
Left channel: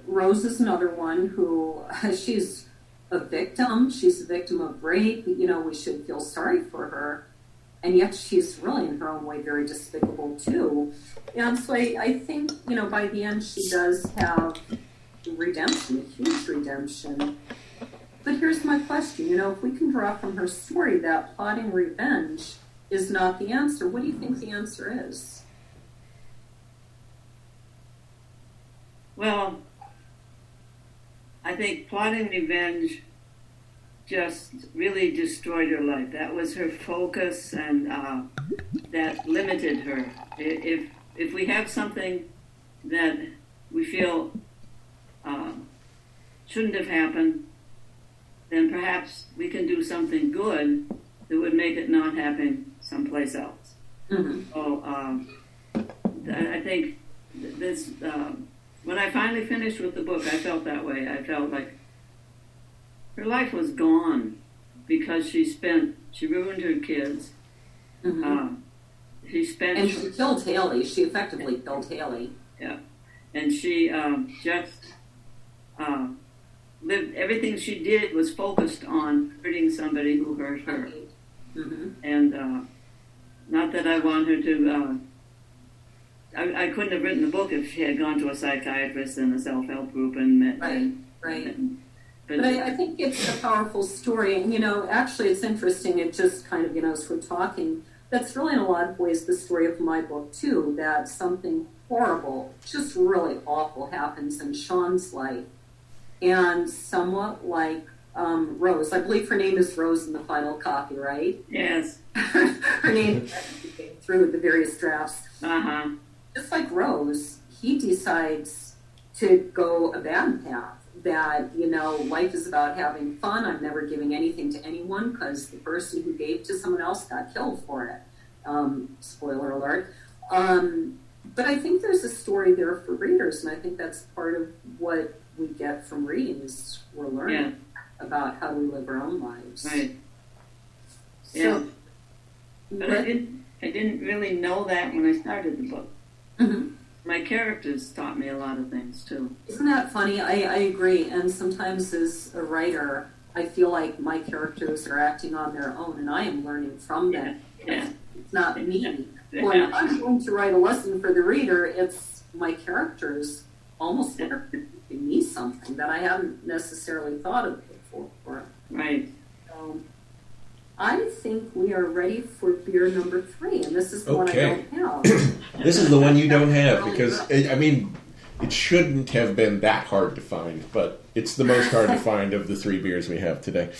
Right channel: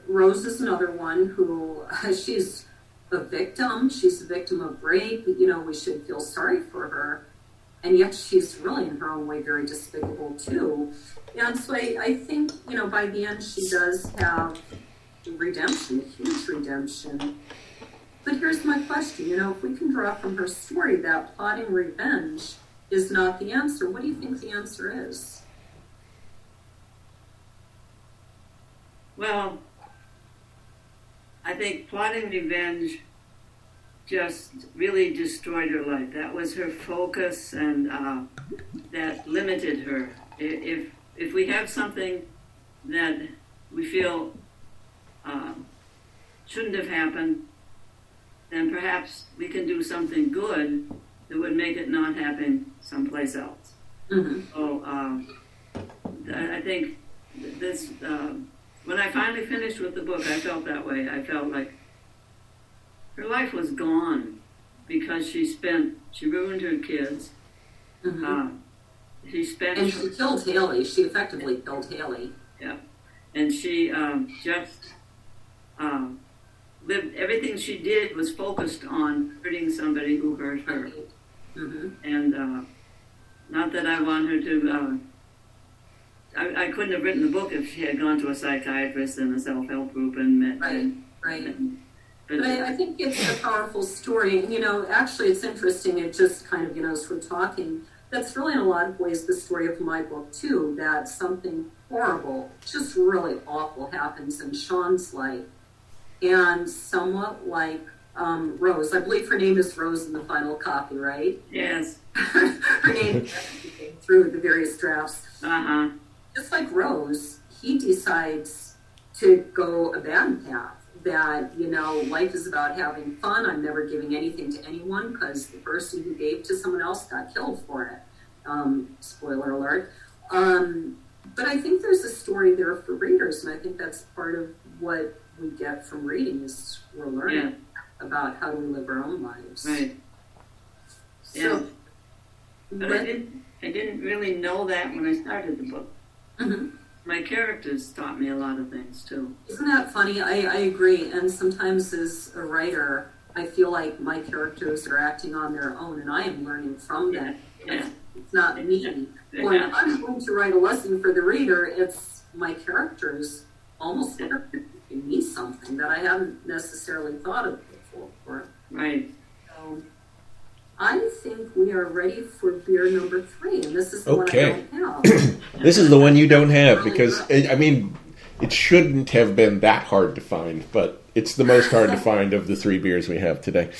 Rose is another one who, she's a victim. She's a victim of rape. We should feel sorry for her. And yet she's really, in her own way, very despicable, too. And so I think, by the end, she does have redemption, a huge redemption. But here's my question. If we can draw from her story that plotting revenge is not the answer, what do you think the answer is? Well, I think plotting revenge just really destroyed her life. That was her focus, and that limited her. If we have something that we feel shouldn't have happened, then perhaps we can do something good that would make it not happen someplace else. Mm-hmm. So I think this, when I finally finished with the book, I felt that way. I felt like her life was gone because she ruined her kids. Mm-hmm. And she killed Hailey. She effectively killed Hailey. Yeah. And she just lived, everything she did was focused on hurting somebody who hurt her. Right. Mm-hmm. And not that I want her to, I couldn't have written the book if she had gone to a psychiatrist and a self-help group and met. Right. But I think it's a powerful story. And, actually it's interesting. It just kind of, as we're talking, that's really in a lot of ways the story of my book too, that something horrible, just really awful happens in Sean's life. And somewhat like Rose, I believe her name is Rose in the final copy, right? Yes. Her name came through the various drafts. Uh-huh. Just like Rose, he decides to go a bad path. That, life is about having fun. I'm never giving anything to anyone because the person who gave to someone else got killed for it. Spoiler alert. But I think there's a story there for readers, and I think that's part of what we get from reading is we're learning about how we live our own lives. Right. So, but I didn't really know that when I started the book. Mm-hmm. My characters taught me a lot of things too. Isn't that funny? I agree. And sometimes as a writer, I feel like my characters are acting on their own and I am learning from them. Yeah. It's not me. Yeah. When I'm going to write a lesson for the reader, it's my characters almost like giving me something that I haven't necessarily thought of before. Right. So I think we are ready for beer number 3, and this is the Okay. one I don't have. This is the one you don't have because, it shouldn't have been that hard to find, but it's the most hard to find of the 3 beers we have today.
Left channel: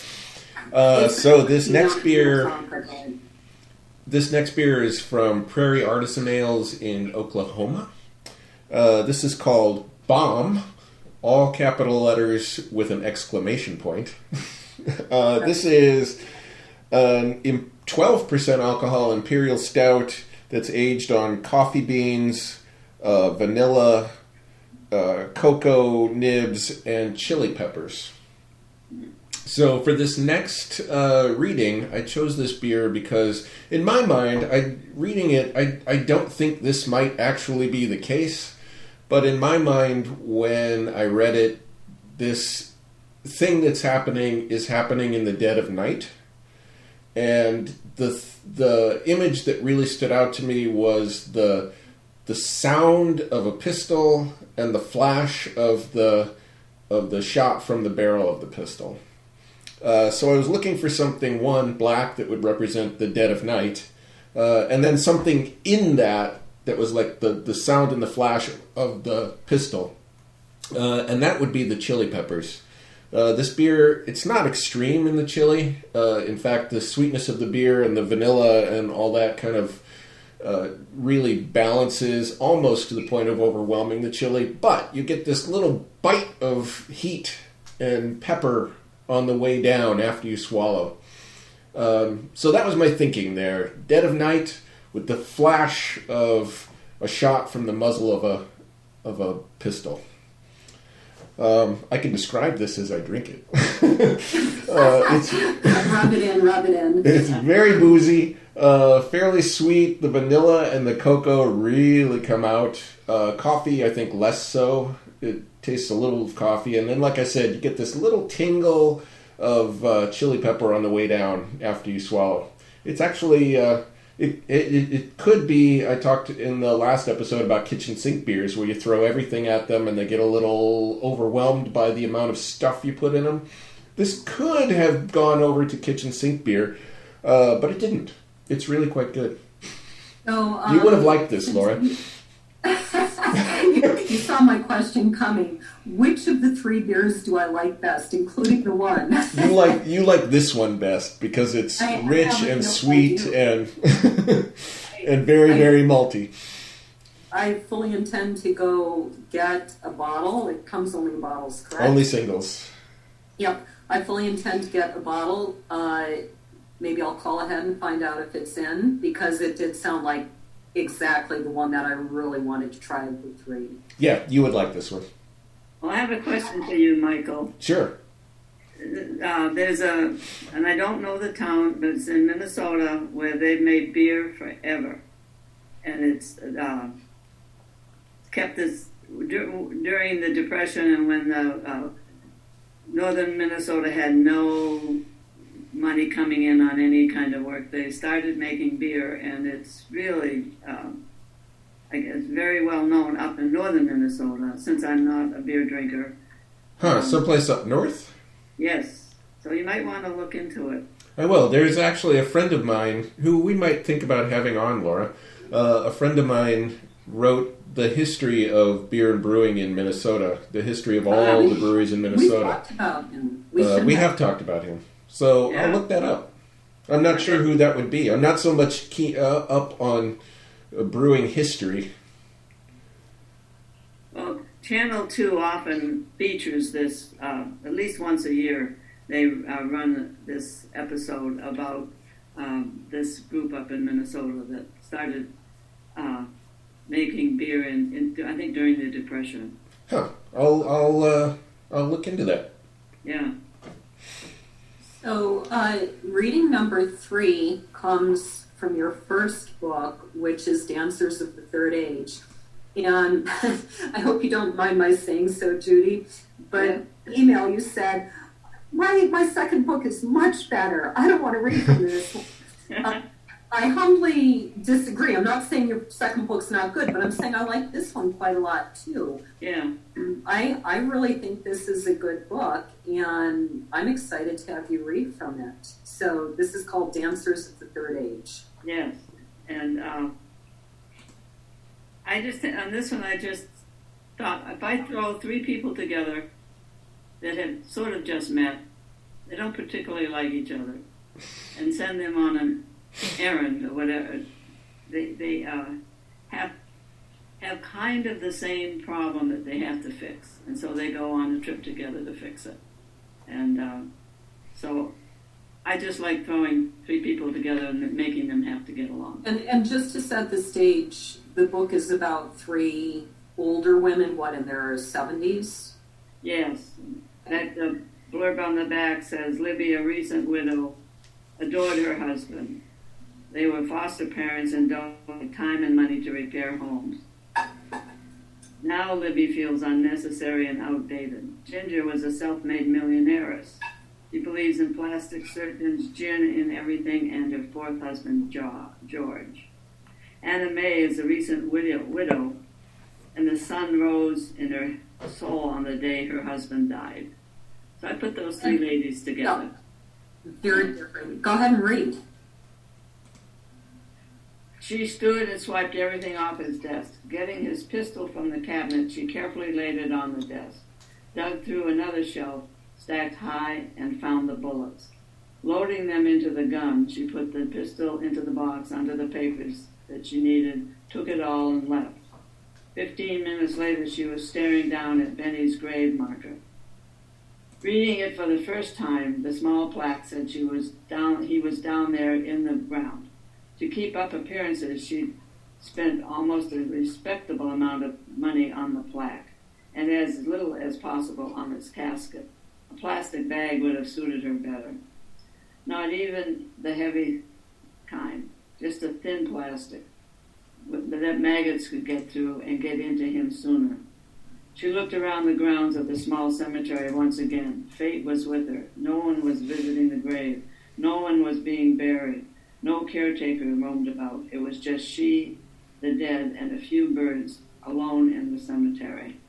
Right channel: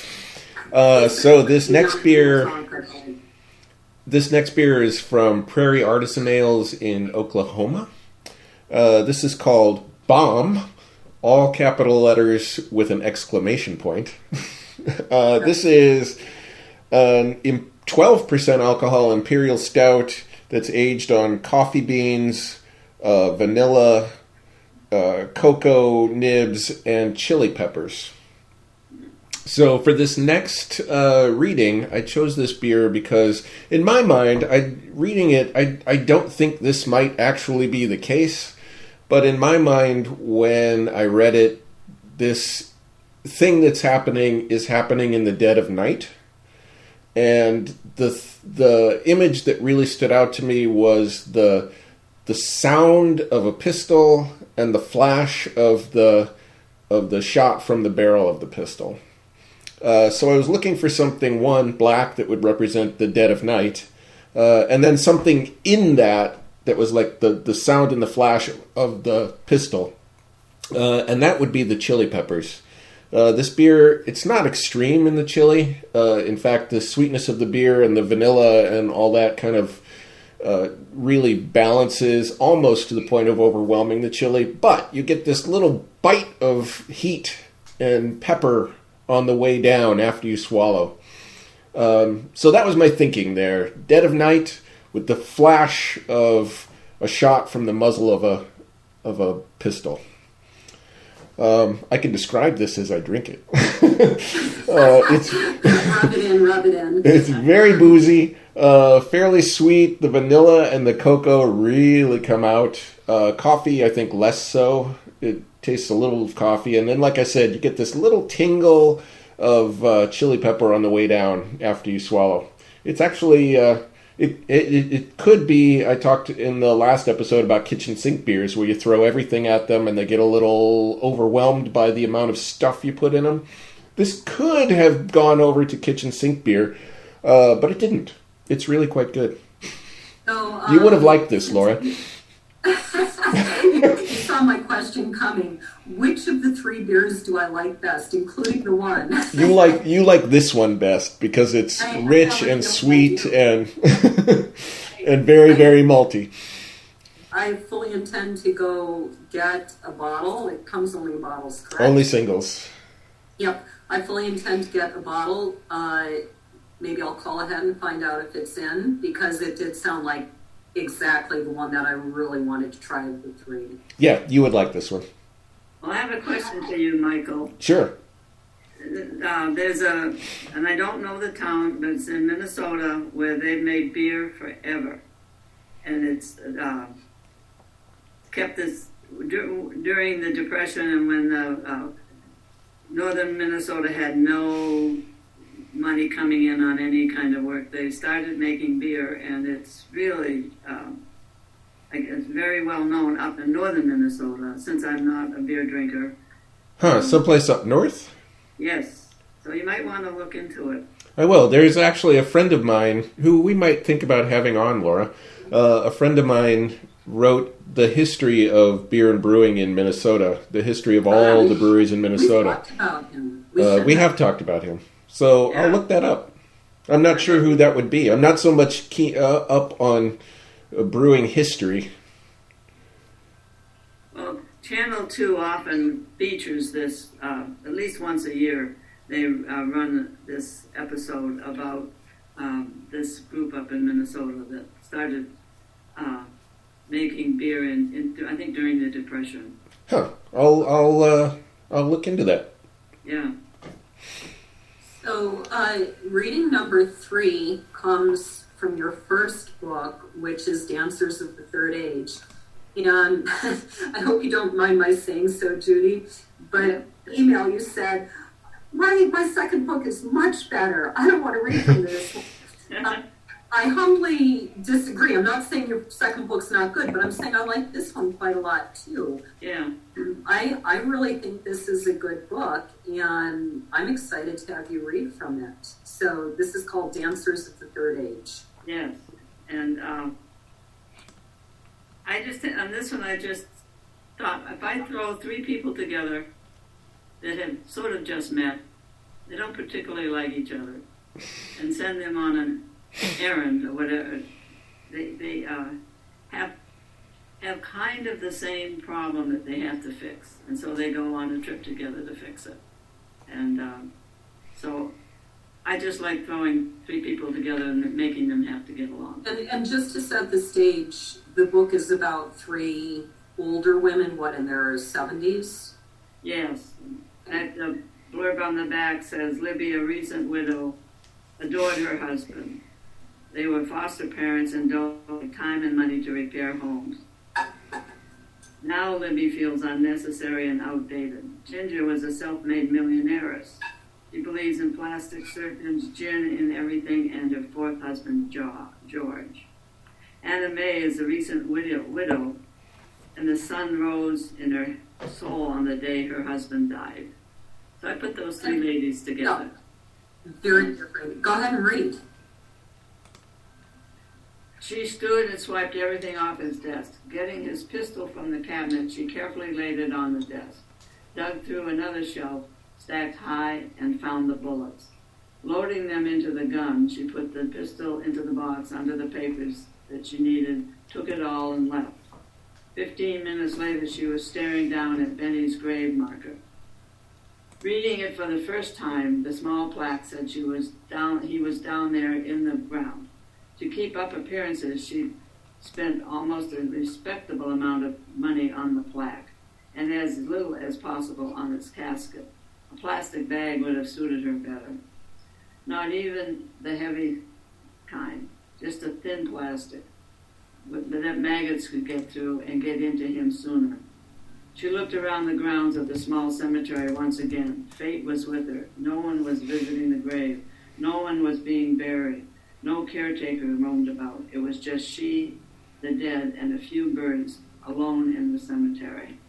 So this next beer is from Prairie Artisan Ales in Oklahoma. This is called Bomb, all capital letters with an exclamation point. This is an 12% alcohol imperial stout that's aged on coffee beans, vanilla, cocoa nibs, and chili peppers. So for this next reading, I chose this beer because, in my mind, I don't think this might actually be the case, but in my mind, when I read it, this thing that's happening is happening in the dead of night. And the image that really stood out to me was the sound of a pistol and the flash of the shot from the barrel of the pistol. So I was looking for something, one, black that would represent the dead of night, and then something in that was like the sound and the flash of the pistol. And that would be the chili peppers. This beer, it's not extreme in the chili. In fact, the sweetness of the beer and the vanilla and all that kind of really balances almost to the point of overwhelming the chili. But you get this little bite of heat and pepper on the way down after you swallow. So that was my thinking there. Dead of night with the flash of a shot from the muzzle of a pistol. I can describe this as I drink it. It's Rub it in. It's very boozy, fairly sweet. The vanilla and the cocoa really come out. Coffee, I think, less so. It tastes a little of coffee. And then, like I said, you get this little tingle of chili pepper on the way down after you swallow. It's actually... It could be, I talked in the last episode about kitchen sink beers where you throw everything at them and they get a little overwhelmed by the amount of stuff you put in them. This could have gone over to kitchen sink beer, but it didn't. It's really quite good. So, you would have liked this, Laura. You saw my question coming. Which of the 3 beers do I like best, including the one? You like this one best because it's rich and sweet and and very, very malty. I fully intend to go get a bottle. It comes only in bottles, correct? Only singles. Yep. I fully intend to get a bottle. Maybe I'll call ahead and find out if it's in, because it did sound like exactly the one that I really wanted to try with 3. Yeah, you would like this one. Well, I have a question for you, Michael. Sure. And I don't know the town, but it's in Minnesota where they've made beer forever. And it's kept this during the Depression and when the northern Minnesota had no money coming in on any kind of work. They started making beer, and it's really, it's very well known up in northern Minnesota, since I'm not a beer drinker. Someplace up north? Yes. So you might want to look into it. I will. There's actually a friend of mine who we might think about having on, Laura. A friend of mine wrote the history of beer and brewing in Minnesota, the history of all the breweries in Minnesota. We talked about him. We have talked about him. So I'll look that up. I'm not sure who that would be. I'm not so much up on brewing history. Well, Channel 2 often features this, at least once a year. They run this episode about this group up in Minnesota that started making beer in I think during the Depression. I'll look into that. Yeah. So, reading number 3 comes from your first book, which is Dancers of the Third Age. And I hope you don't mind my saying so, Judy, but email you said, my second book is much better. I don't want to read from this. I humbly disagree. I'm not saying your second book's not good, but I'm saying I like this one quite a lot too. Yeah. I really think this is a good book, and I'm excited to have you read from it. So this is called Dancers of the Third Age. Yes. And I just, on this one, I just thought, if I throw 3 people together that have sort of just met, they don't particularly like each other, and send them on an errand or whatever, they have kind of the same problem that they have to fix, and so they go on a trip together to fix it. And so I just like throwing 3 people together and making them have to get along. And just to set the stage, the book is about 3 older women, in their 70s? Yes. The blurb on the back says, Libby, a recent widow, adored her husband. They were foster parents and donated time and money to repair homes. Now Libby feels unnecessary and outdated. Ginger was a self-made millionairess. She believes in plastic surgeons, gin in everything, and her 4th husband, George. Anna May is a recent widow, and the sun rose in her soul on the day her husband died. So I put those 3 ladies together. Very different. Go ahead and read. She stood and swiped everything off his desk. Getting his pistol from the cabinet, she carefully laid it on the desk, dug through another shelf, stacked high, and found the bullets. Loading them into the gun, she put the pistol into the box under the papers that she needed, took it all, and left. 15 minutes later, she was staring down at Benny's grave marker. Reading it for the first time, the small plaque said he was down there in the ground. To keep up appearances, she spent almost a respectable amount of money on the plaque, and as little as possible on its casket. A plastic bag would have suited her better. Not even the heavy kind, just a thin plastic that maggots could get through and get into him sooner. She looked around the grounds of the small cemetery once again. Fate was with her. No one was visiting the grave. No one was being buried. No caretaker roamed about. It was just she, the dead, and a few birds alone in the cemetery.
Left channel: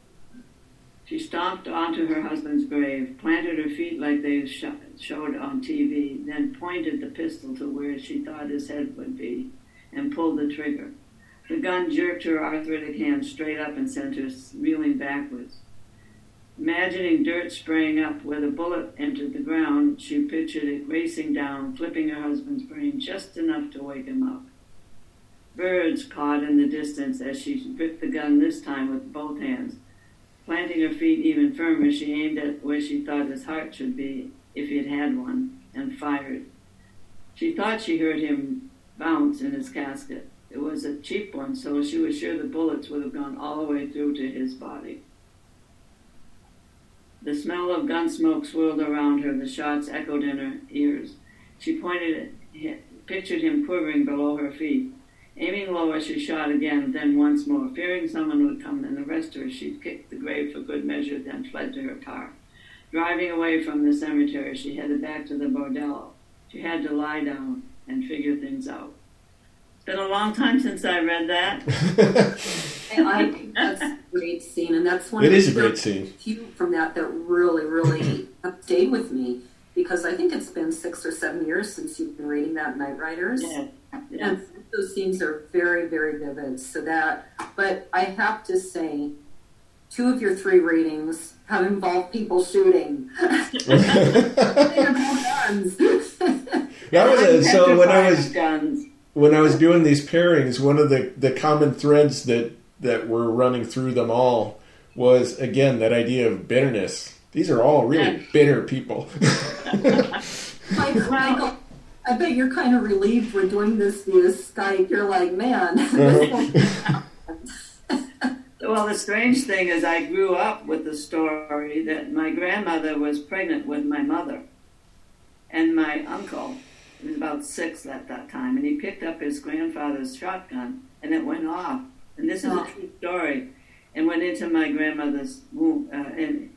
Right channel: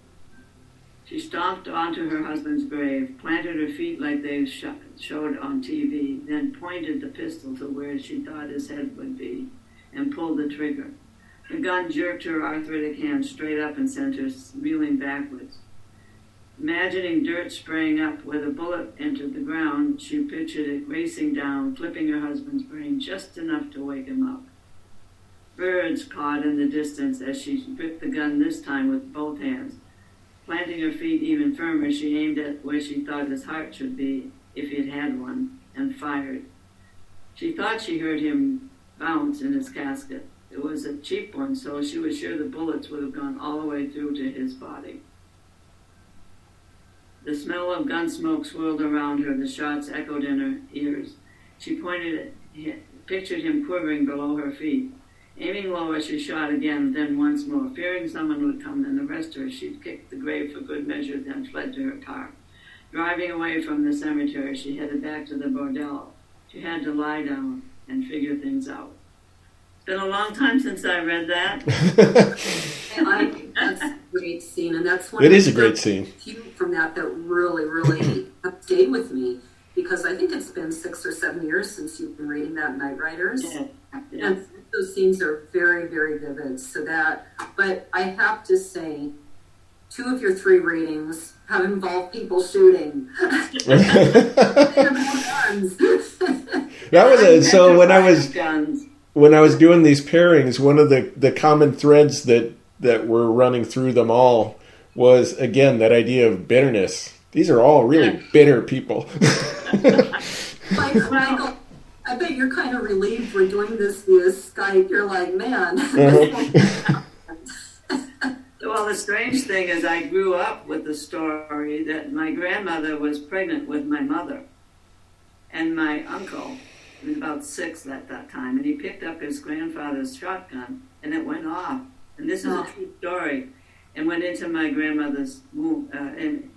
She stomped onto her husband's grave, planted her feet like they showed on TV, then pointed the pistol to where she thought his head would be, and pulled the trigger. The gun jerked her arthritic hand straight up and sent her reeling backwards. Imagining dirt spraying up where the bullet entered the ground, she pictured it racing down, flipping her husband's brain just enough to wake him up. Birds cawed in the distance as she gripped the gun, this time with both hands. Planting her feet even firmer, she aimed at where she thought his heart should be, if he had had one, and fired. She thought she heard him bounce in his casket, It was a cheap one, so she was sure the bullets would have gone all the way through to his body. The smell of gun smoke swirled around her. The shots echoed in her ears. She pictured him quivering below her feet. Aiming lower, she shot again, then once more. Fearing someone would come and arrest her, she kicked the grave for good measure, then fled to her car. Driving away from the cemetery, she headed back to the bordello. She had to lie down and figure things out. It's been a long time since I read that. I think that's a great scene, and that's one It of is a great scene. few from that really, really have stayed with me, because I think it's been 6 or 7 years since you've been reading that Night Riders. Yeah. And those scenes are very, very vivid. But I have to say, 2 of your 3 readings have involved people shooting. That was so when I was doing these pairings, one of the common threads that were running through them all was, again, that idea of bitterness. These are all really bitter people. Michael, I bet you're kind of relieved we're doing this via Skype. You're like, man. Well, the strange thing is I grew up with the story that my grandmother was pregnant with my mother. And my uncle, he was about 6 at that time, and he picked up his grandfather's shotgun, and it went off. And this is a true story. And went into my grandmother's womb, and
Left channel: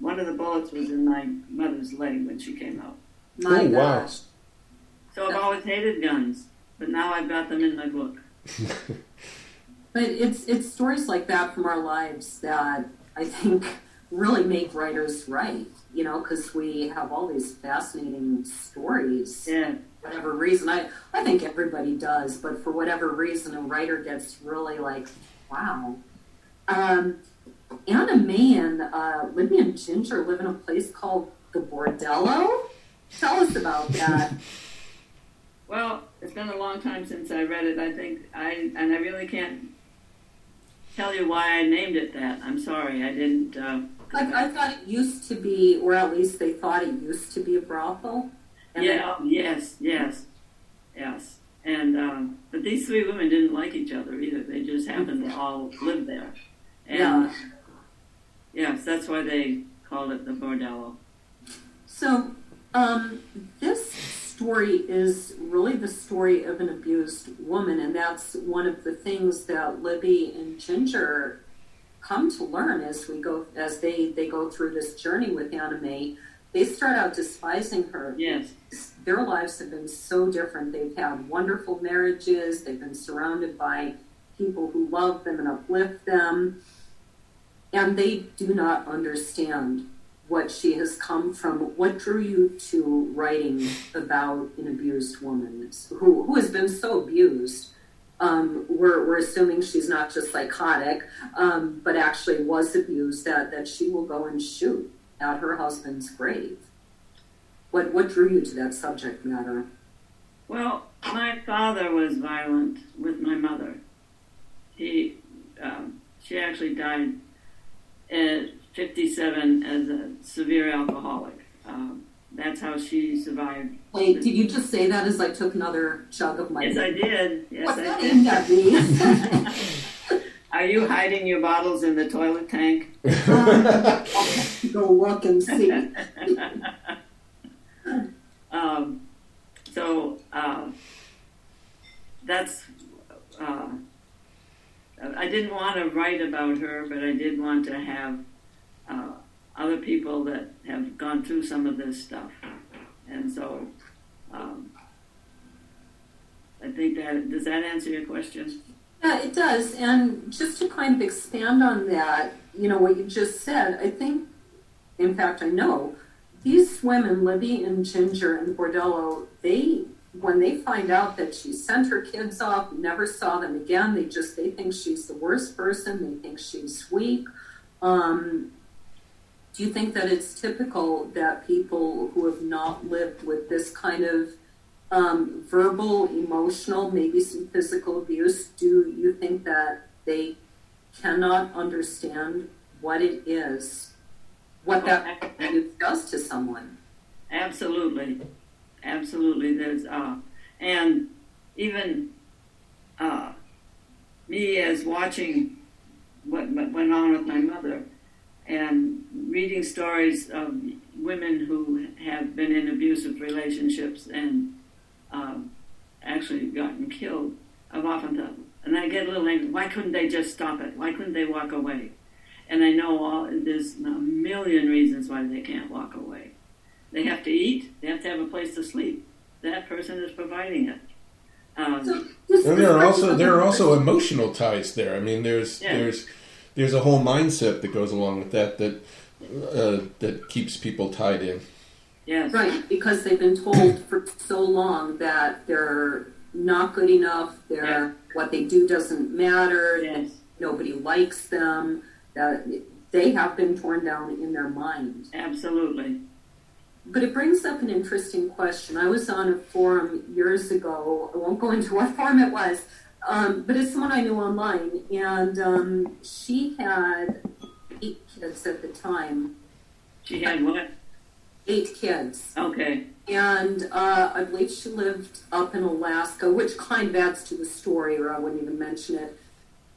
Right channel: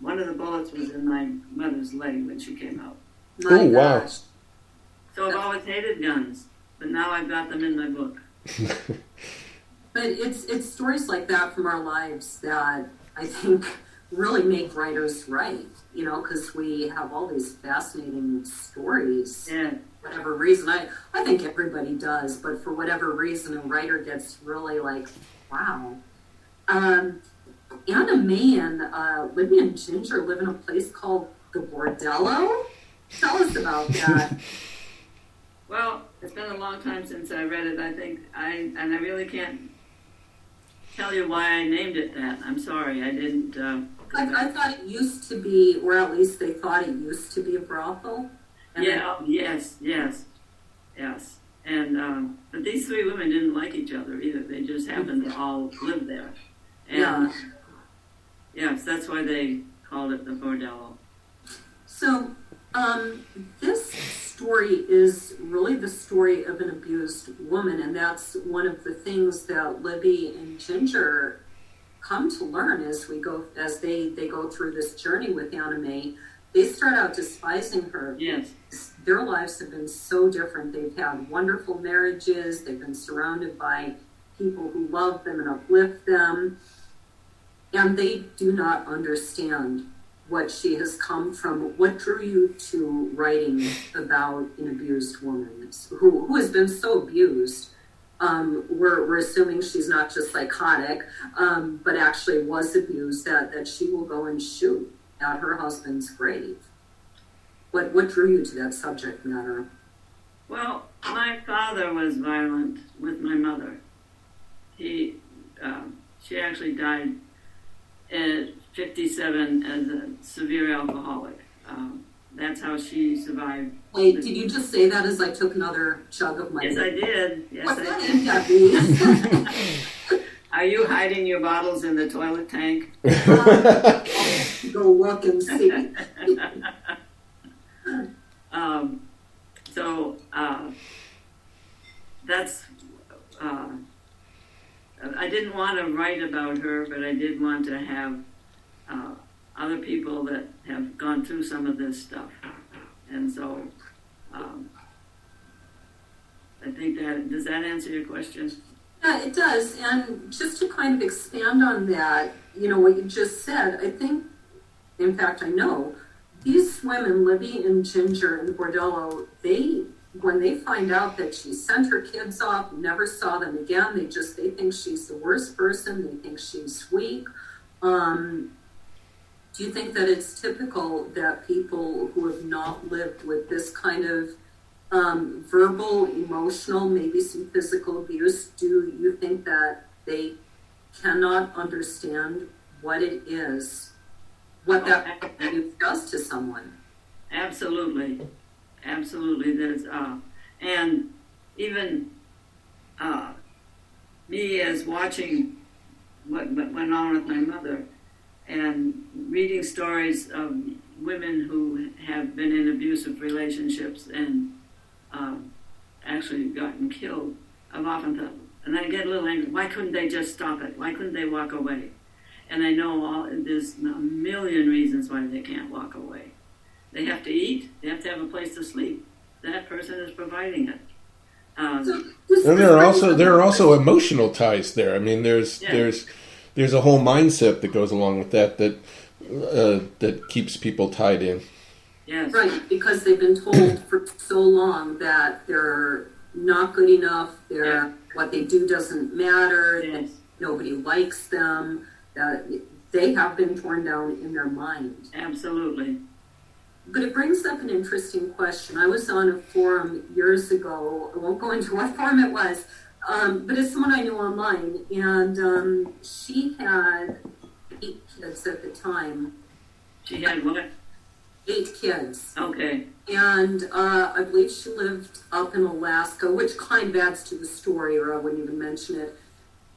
one of the bullets was in my mother's leg when she came out. Oh, wow. So I've always hated guns, but now I've got them in my book. But it's stories like that from our lives that I think really make writers write, because we have all these fascinating stories. Yeah. For whatever reason, I think everybody does, but for whatever reason, a writer gets really like, wow. Anna May and Libby and Ginger live in a place called the Bordello. Tell us about that. Well, it's been a long time since I read it. I think I really can't tell you why I named it that. I'm sorry, I didn't. I thought it used to be, or at least they thought it used to be a brothel. Yes. And but these 3 women didn't like each other either. They just happened to all live there. And yes, that's why they called it the bordello. So, this story is really the story of an abused woman, and that's one of the things that Libby and Ginger come to learn as they go through this journey with Anna May. They start out despising her. Yes. Their lives have been so different. They've had wonderful marriages. They've been surrounded by people who love them and uplift them. And they do not understand what she has come from. What drew you to writing about an abused woman who has been so abused? We're assuming she's not just psychotic, but actually was abused, that she will go and shoot at her husband's grave. What drew you to that subject matter? Well, my father was violent with my mother. She actually died at 57 as a severe alcoholic. That's how she survived. Wait, did you just say that as I took another chug of my... Yes, I did. What's that aimed at me? Are you hiding your bottles in the toilet tank? I'll go look and see. That's... I didn't want to write about her, but I did want to have other people that have gone through some of this stuff. And so I think does that answer your question? Yeah, it does. And just to kind of expand on that, what you just said, I think, in fact, I know, these women, Libby and Ginger and Bordello, when they find out that she sent her kids off, never saw them again, they think she's the worst person, they think she's weak. Do you think that it's typical that people who have not lived with this kind of verbal, emotional, maybe some physical abuse, do you think that they cannot understand what it is, what that abuse does to someone? Absolutely. There's and even me as watching what went on with my mother and reading stories of women who have been in abusive relationships and actually gotten killed. I've often thought, and I get a little angry, why couldn't they just stop it? Why couldn't they walk away? And I know there's a million reasons why they can't walk away. They have to eat. They have to have a place to sleep. That person is providing it. And there are also emotional ties there. I mean, there's a whole mindset that goes along with that keeps people tied in. Yes. Right, because they've been told for so long that they're not good enough. What they do doesn't matter. Yes. Nobody likes them. They have been torn down in their mind. Absolutely. But it brings up an interesting question. I was on a forum years ago. I won't go into what forum it was, but it's someone I knew online. And she had 8 kids at the time. She had what? 8 kids. Okay. And I believe she lived up in Alaska, which kind of adds to the story, or I wouldn't even mention it.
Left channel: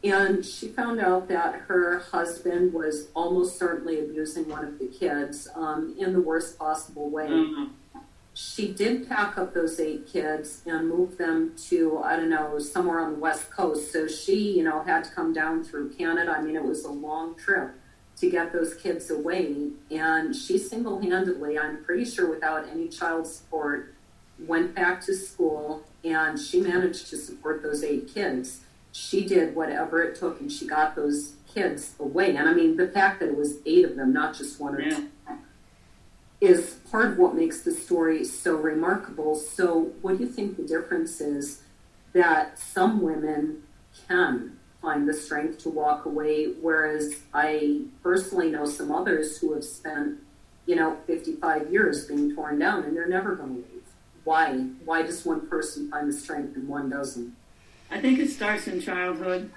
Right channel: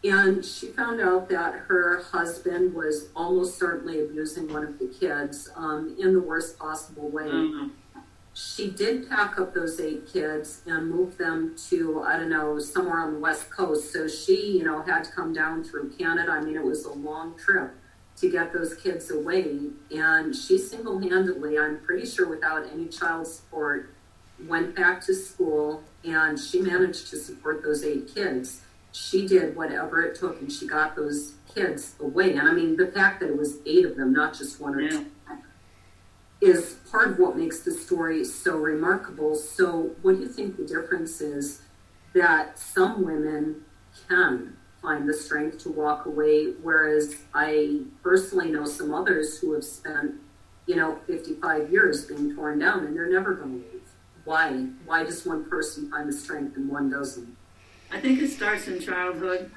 And she found out that her husband was almost certainly abusing one of the kids in the worst possible way. Mm-hmm. She did pack up those 8 kids and move them to, I don't know, somewhere on the West Coast. So she, had to come down through Canada. I mean, it was a long trip to get those kids away. And she single-handedly, I'm pretty sure without any child support, went back to school, and she managed to support those 8 kids. She did whatever it took, and she got those kids away. And I mean, the fact that it was 8 of them, not just 1 or 2, is part of what makes the story so remarkable. So what do you think the difference is that some women can find the strength to walk away, whereas I personally know some others who have spent, 55 years being torn down, and they're never going to leave? Why? Why does one person find the strength and one doesn't? I think it starts in childhood,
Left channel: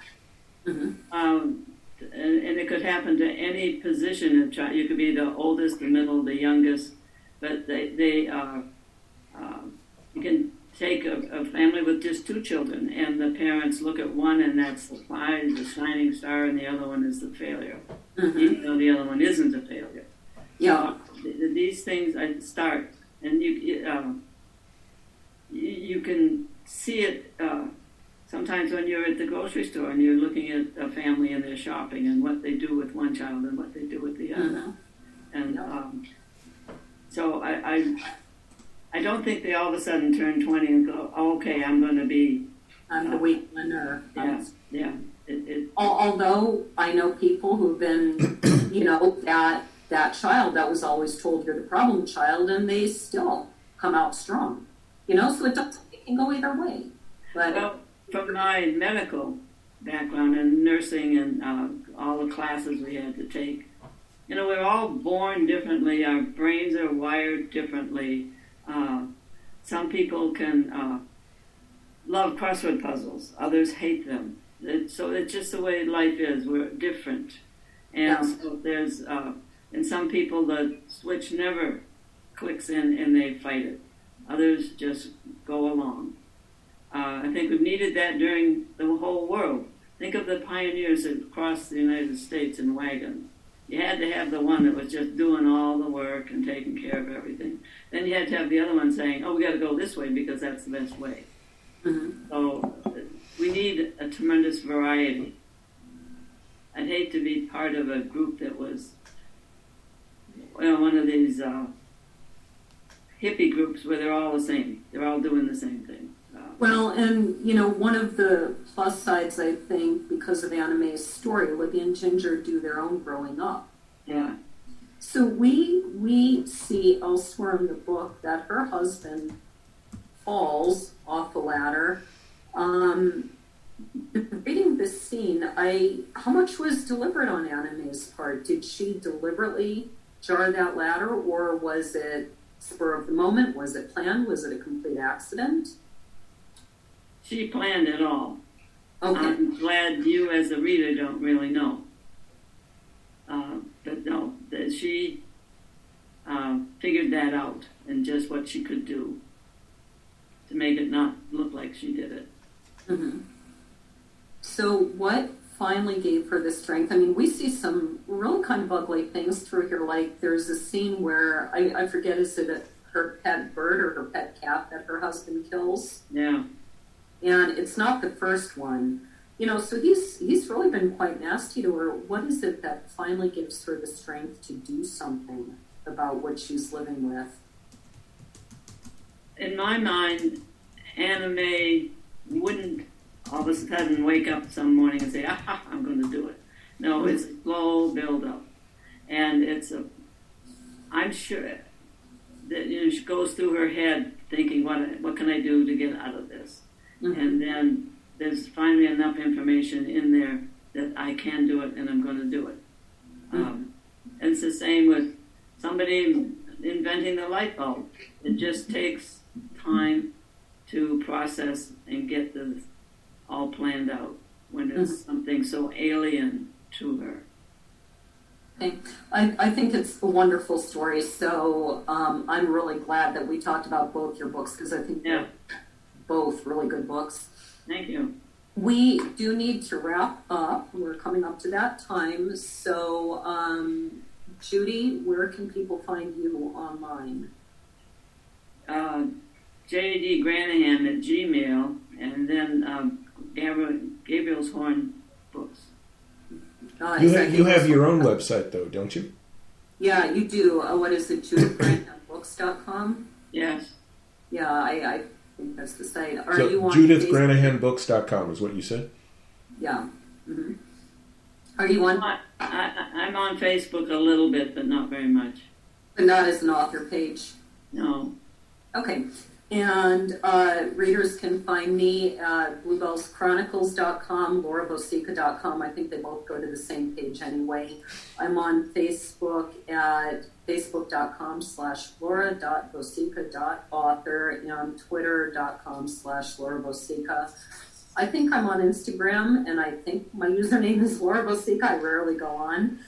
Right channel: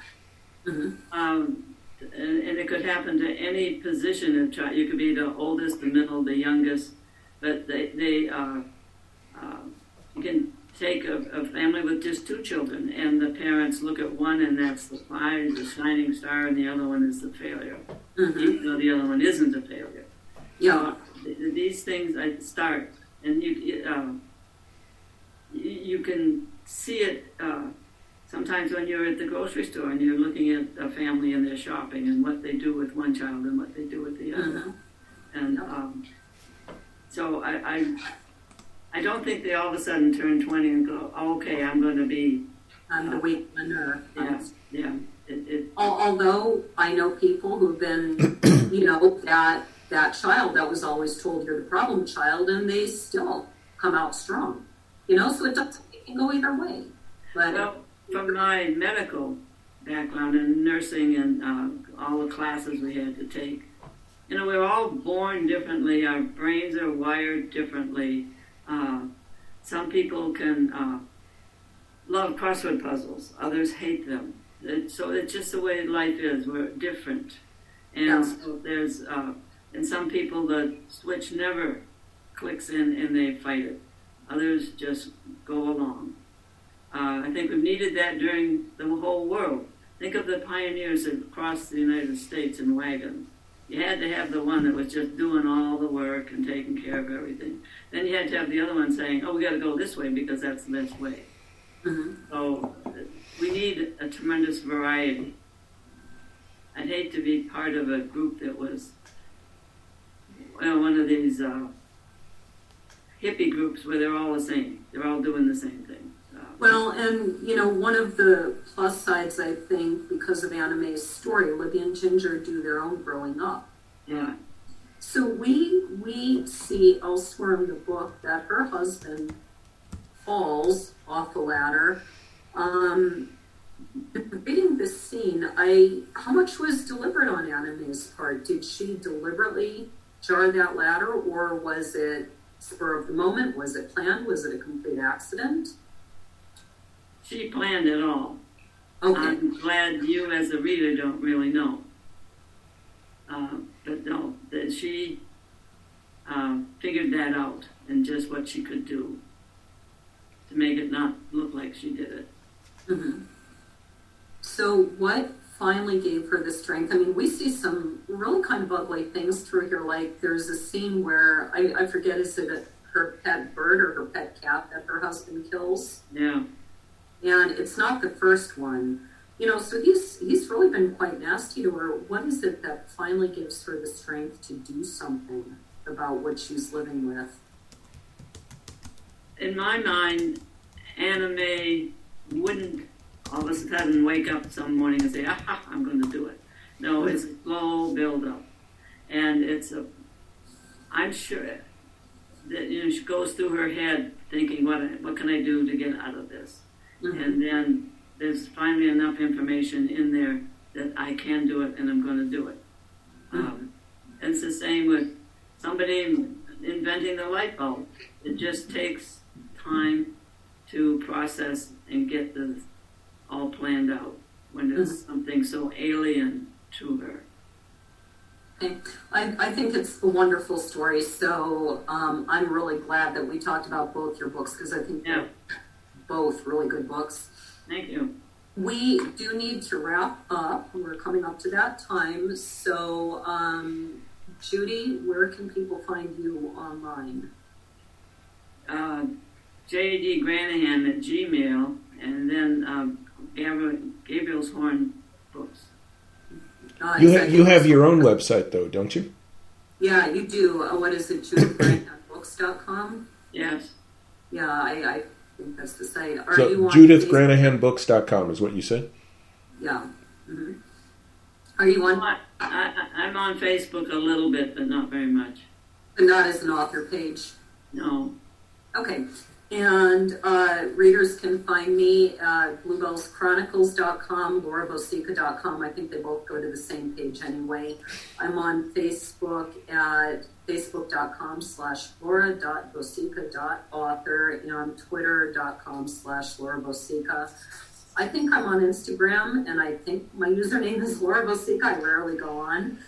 Mm-hmm. and it could happen to any position of child. You could be the oldest, the middle, the youngest, but you can take a family with just 2 children, and the parents look at one, and that's the prize, the shining star, and the other one is the failure, Mm-hmm. even though the other one isn't a failure. Yeah. These things start, and you can see it. Sometimes when you're at the grocery store and you're looking at a family and they're shopping and what they do with one child and what they do with the other. And so I don't think they all of a sudden turn 20 and go, oh, okay, I'm going to be... I'm the weak one. Yeah. Although I know people who've been, that child that was always told you're the problem child, and they still come out strong. So it can go either way. But from my medical background in nursing and all the classes we had to take, we're all born differently. Our brains are wired differently. Some people can love crossword puzzles. Others hate them. So it's just the way life is. We're different. And so there's, and some people, the switch never clicks in and they fight it. Others just go along. I think we've needed that during the whole world. Think of the pioneers across the United States in wagons. You had to have the one that was just doing all the work and taking care of everything. Then you had to have the other one saying, oh, we got to go this way because that's the best way. Mm-hmm. So we need a tremendous variety. I'd hate to be part of a group that was, one of these hippie groups where they're all the same. They're all doing the same thing. Well, and, one of the plus sides, I think, because of Anna Mae's story, Libby and Ginger do their own growing up. Yeah. So we see elsewhere in the book that her husband falls off the ladder. Reading this scene, how much was deliberate on Anna Mae's part? Did she deliberately jar that ladder, or was it spur of the moment? Was it planned? Was it a complete accident? She planned it all. Okay. I'm glad you as a reader don't really know. But no, that she figured that out and just what she could do to make it not look like she did it. Mm-hmm. So what finally gave her the strength? I mean, we see some really kind of ugly things through here. Like there's a scene where, I forget, is it her pet bird or her pet cat that her husband kills? Yeah. And it's not the first one. You know, so he's really been quite nasty to her. What is it that finally gives her the strength to do something about what she's living with? In my mind, Anna May wouldn't all of a sudden wake up some morning and say, I'm going to do it. No, it's a slow build-up. And I'm sure that, you know, she goes through her head thinking, what can I do to get out of this? Mm-hmm. And then there's finally enough information in there that I can do it and I'm going to do it. And it's the same with somebody inventing the light bulb. It just takes time to process and get this all planned out when it's something so alien to her. I think it's a wonderful story. So I'm really glad that we talked about both your books because I think they're both really good books. Thank you. We do need to wrap up. We're coming up to that time. So, Judy, where can people find you online? JD Granahan at Gmail, and then Gabriel's Horn Books. You have your own website, though, don't you? Yeah, you do. What is it, JudithGranahanBooks.com? Yes. Yeah, I think that's the site. Are so you on JudithGranahanBooks.com is what you said? Yeah. Mm-hmm. Are you on? I'm on Facebook a little bit, but not very much. But not as an author page? No. Okay. And readers can find me at bluebellschronicles.com, laurabosica.com. I think they both go to the same page anyway. I'm on Facebook at facebook.com/laura.bosica.author and on twitter.com/laurabosica. I think I'm on Instagram, and I think my username is Laura Bosica. I rarely go on.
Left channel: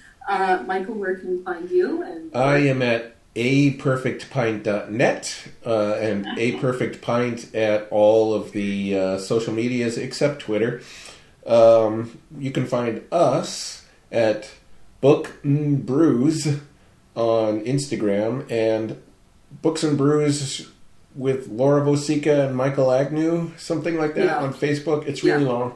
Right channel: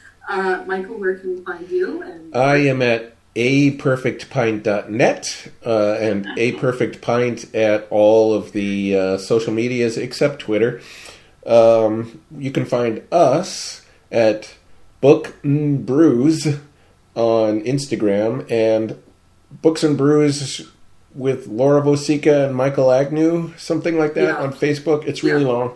Michael, where can we find you? And I am at aperfectpint.net and aperfectpint at all of the social medias except Twitter. You can find us at Book and Brews on Instagram and Books and Brews with Laura Bosica and Michael Agnew, something like that on Facebook. It's really long.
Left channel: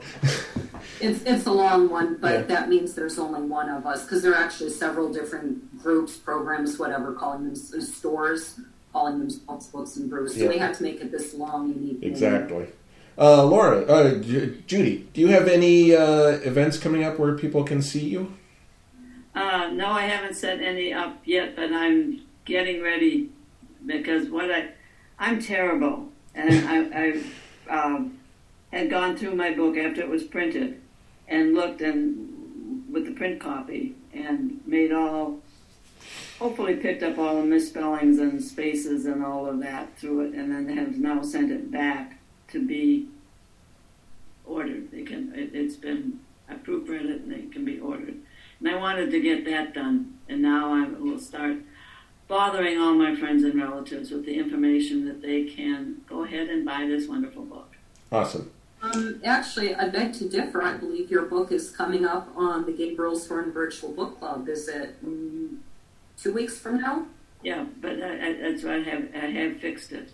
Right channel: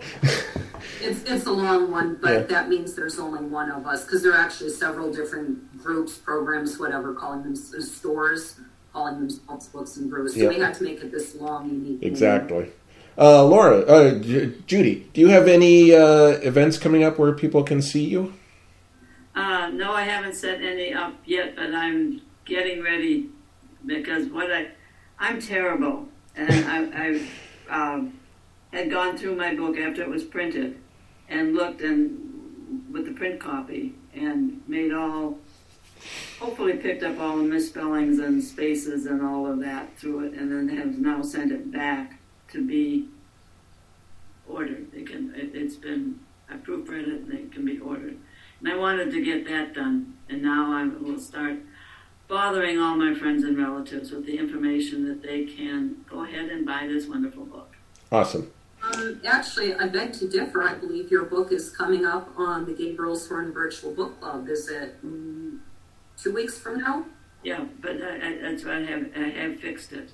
It's a long one, but that means there's only one of us because there are actually several different groups, programs, whatever, calling them stores, calling themselves Books and Brews. So we had to make it this long, unique. Exactly. Laura, Judy, do you have any events coming up where people can see you? No, I haven't set any up yet, but I'm getting ready because I'm terrible, and I had gone through my book after it was printed and looked with the print copy and hopefully picked up all the misspellings and spaces and all of that through it, and then have now sent it back to be ordered. I proofread it and it can be ordered. And I wanted to get that done, and now I will start bothering all my friends and relatives with the information that they can go ahead and buy this wonderful book. Awesome. Actually, I beg to differ. I believe your book is coming up on the Gabriel's Horn Virtual Book Club. Is it 2 weeks from now? Yeah, but that's what I have fixed it.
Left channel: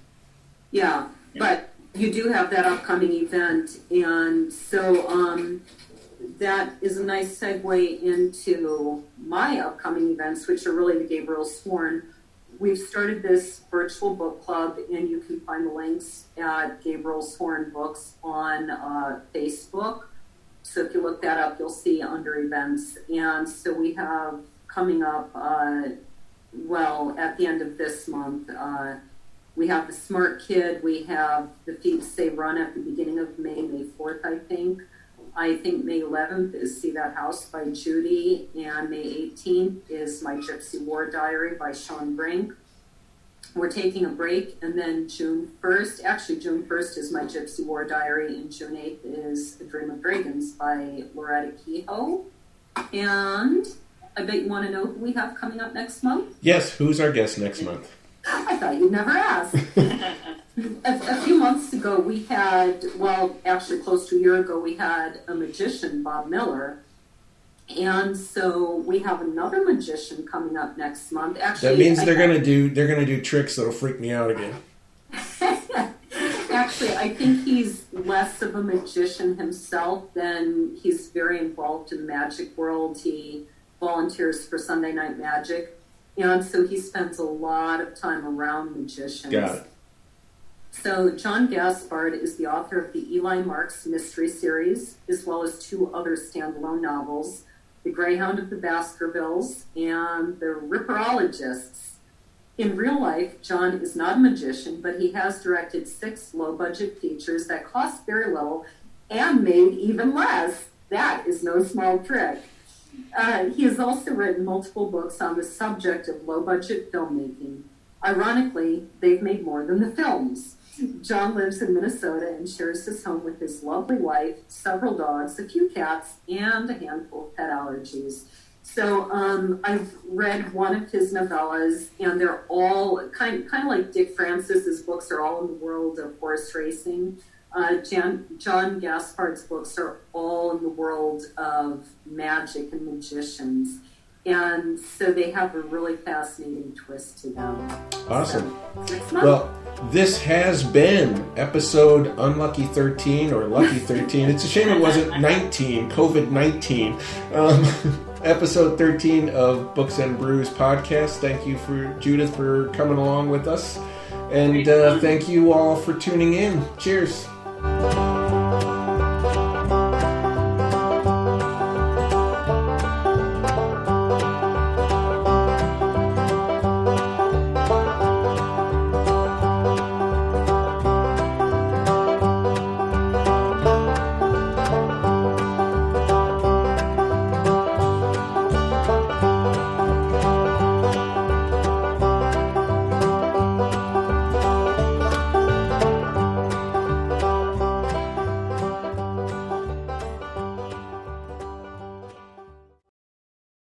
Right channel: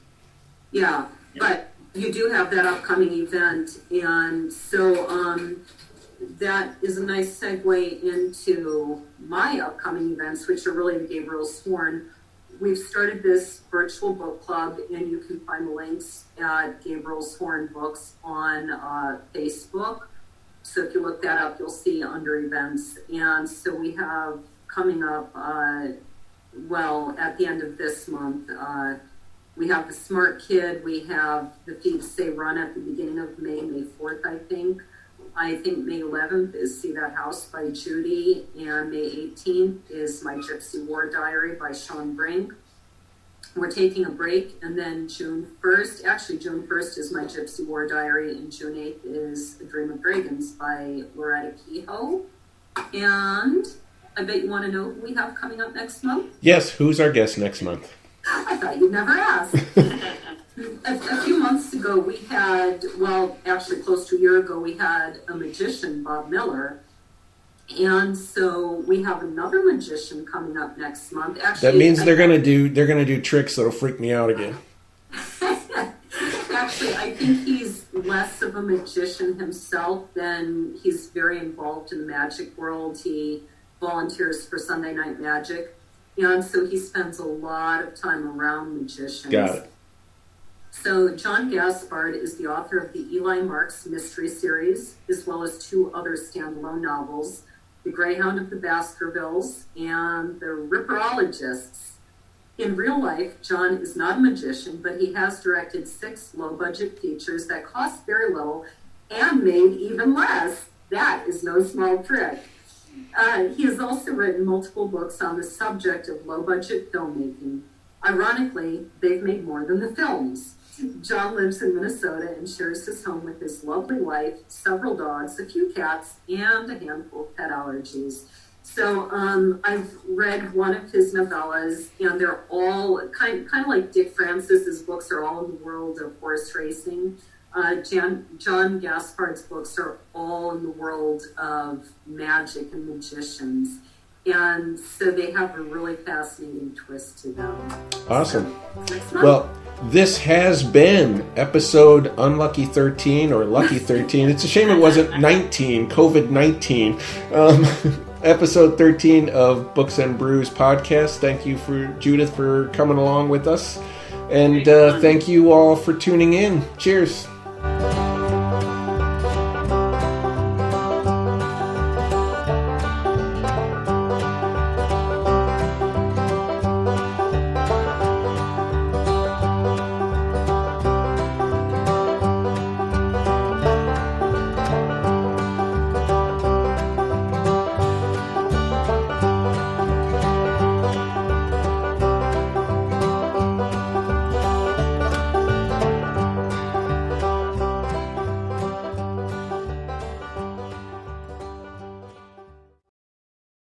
Yeah, but you do have that upcoming event, and so that is a nice segue into my upcoming events, which are really the Gabriel's Horn. We've started this virtual book club, and you can find the links at Gabriel's Horn Books on Facebook. So if you look that up, you'll see under events. And so we have coming up, at the end of this month, we have the Smart Kid. We have the Feed Say Run at the beginning of May 4th, I think. I think May 11th is See That House by Judy, and May 18th is My Gypsy War Diary by Sean Brink. We're taking a break, and then June 1st is My Gypsy War Diary, and June 8th is A Dream of Dragons by Loretta Kehoe. And I bet you want to know who we have coming up next month? Yes, who's our guest next month? I thought you'd never ask. A few months ago, we had, well, actually close to a year ago, we had a magician, Bob Miller. And so we have another magician coming up next month. Actually, that means they're gonna do tricks that'll freak me out again. Actually, I think he's less of a magician himself than he's very involved in the magic world. He volunteers for Sunday Night Magic, and so he spends a lot of time around magicians. Got it. So John Gaspard is the author of the Eli Marks Mystery Series, as well as 2 other standalone novels, The Greyhound of the Baskervilles and The Ripperologists. In real life, John is not a magician, but he has directed 6 low-budget features that cost very little and made even less. That is no small trick. He has also written multiple books on the subject of low-budget filmmaking. Ironically, they've made more than the films. John lives in Minnesota and shares his home with his lovely wife, several dogs, a few cats, and a handful of pet allergies. So I've read one of his novellas, and they're all kind of like Dick Francis's books are all in the world of horse racing. John Gaspard's books are all in the world of magic and magicians. And so they have a really fascinating twist to them. Awesome. So, next month. Well, this has been episode Unlucky 13 or Lucky 13. It's a shame it wasn't 19, COVID-19. Episode 13 of Books and Brews podcast. Thank you for Judith for coming along with us. And thank you all for tuning in. Cheers.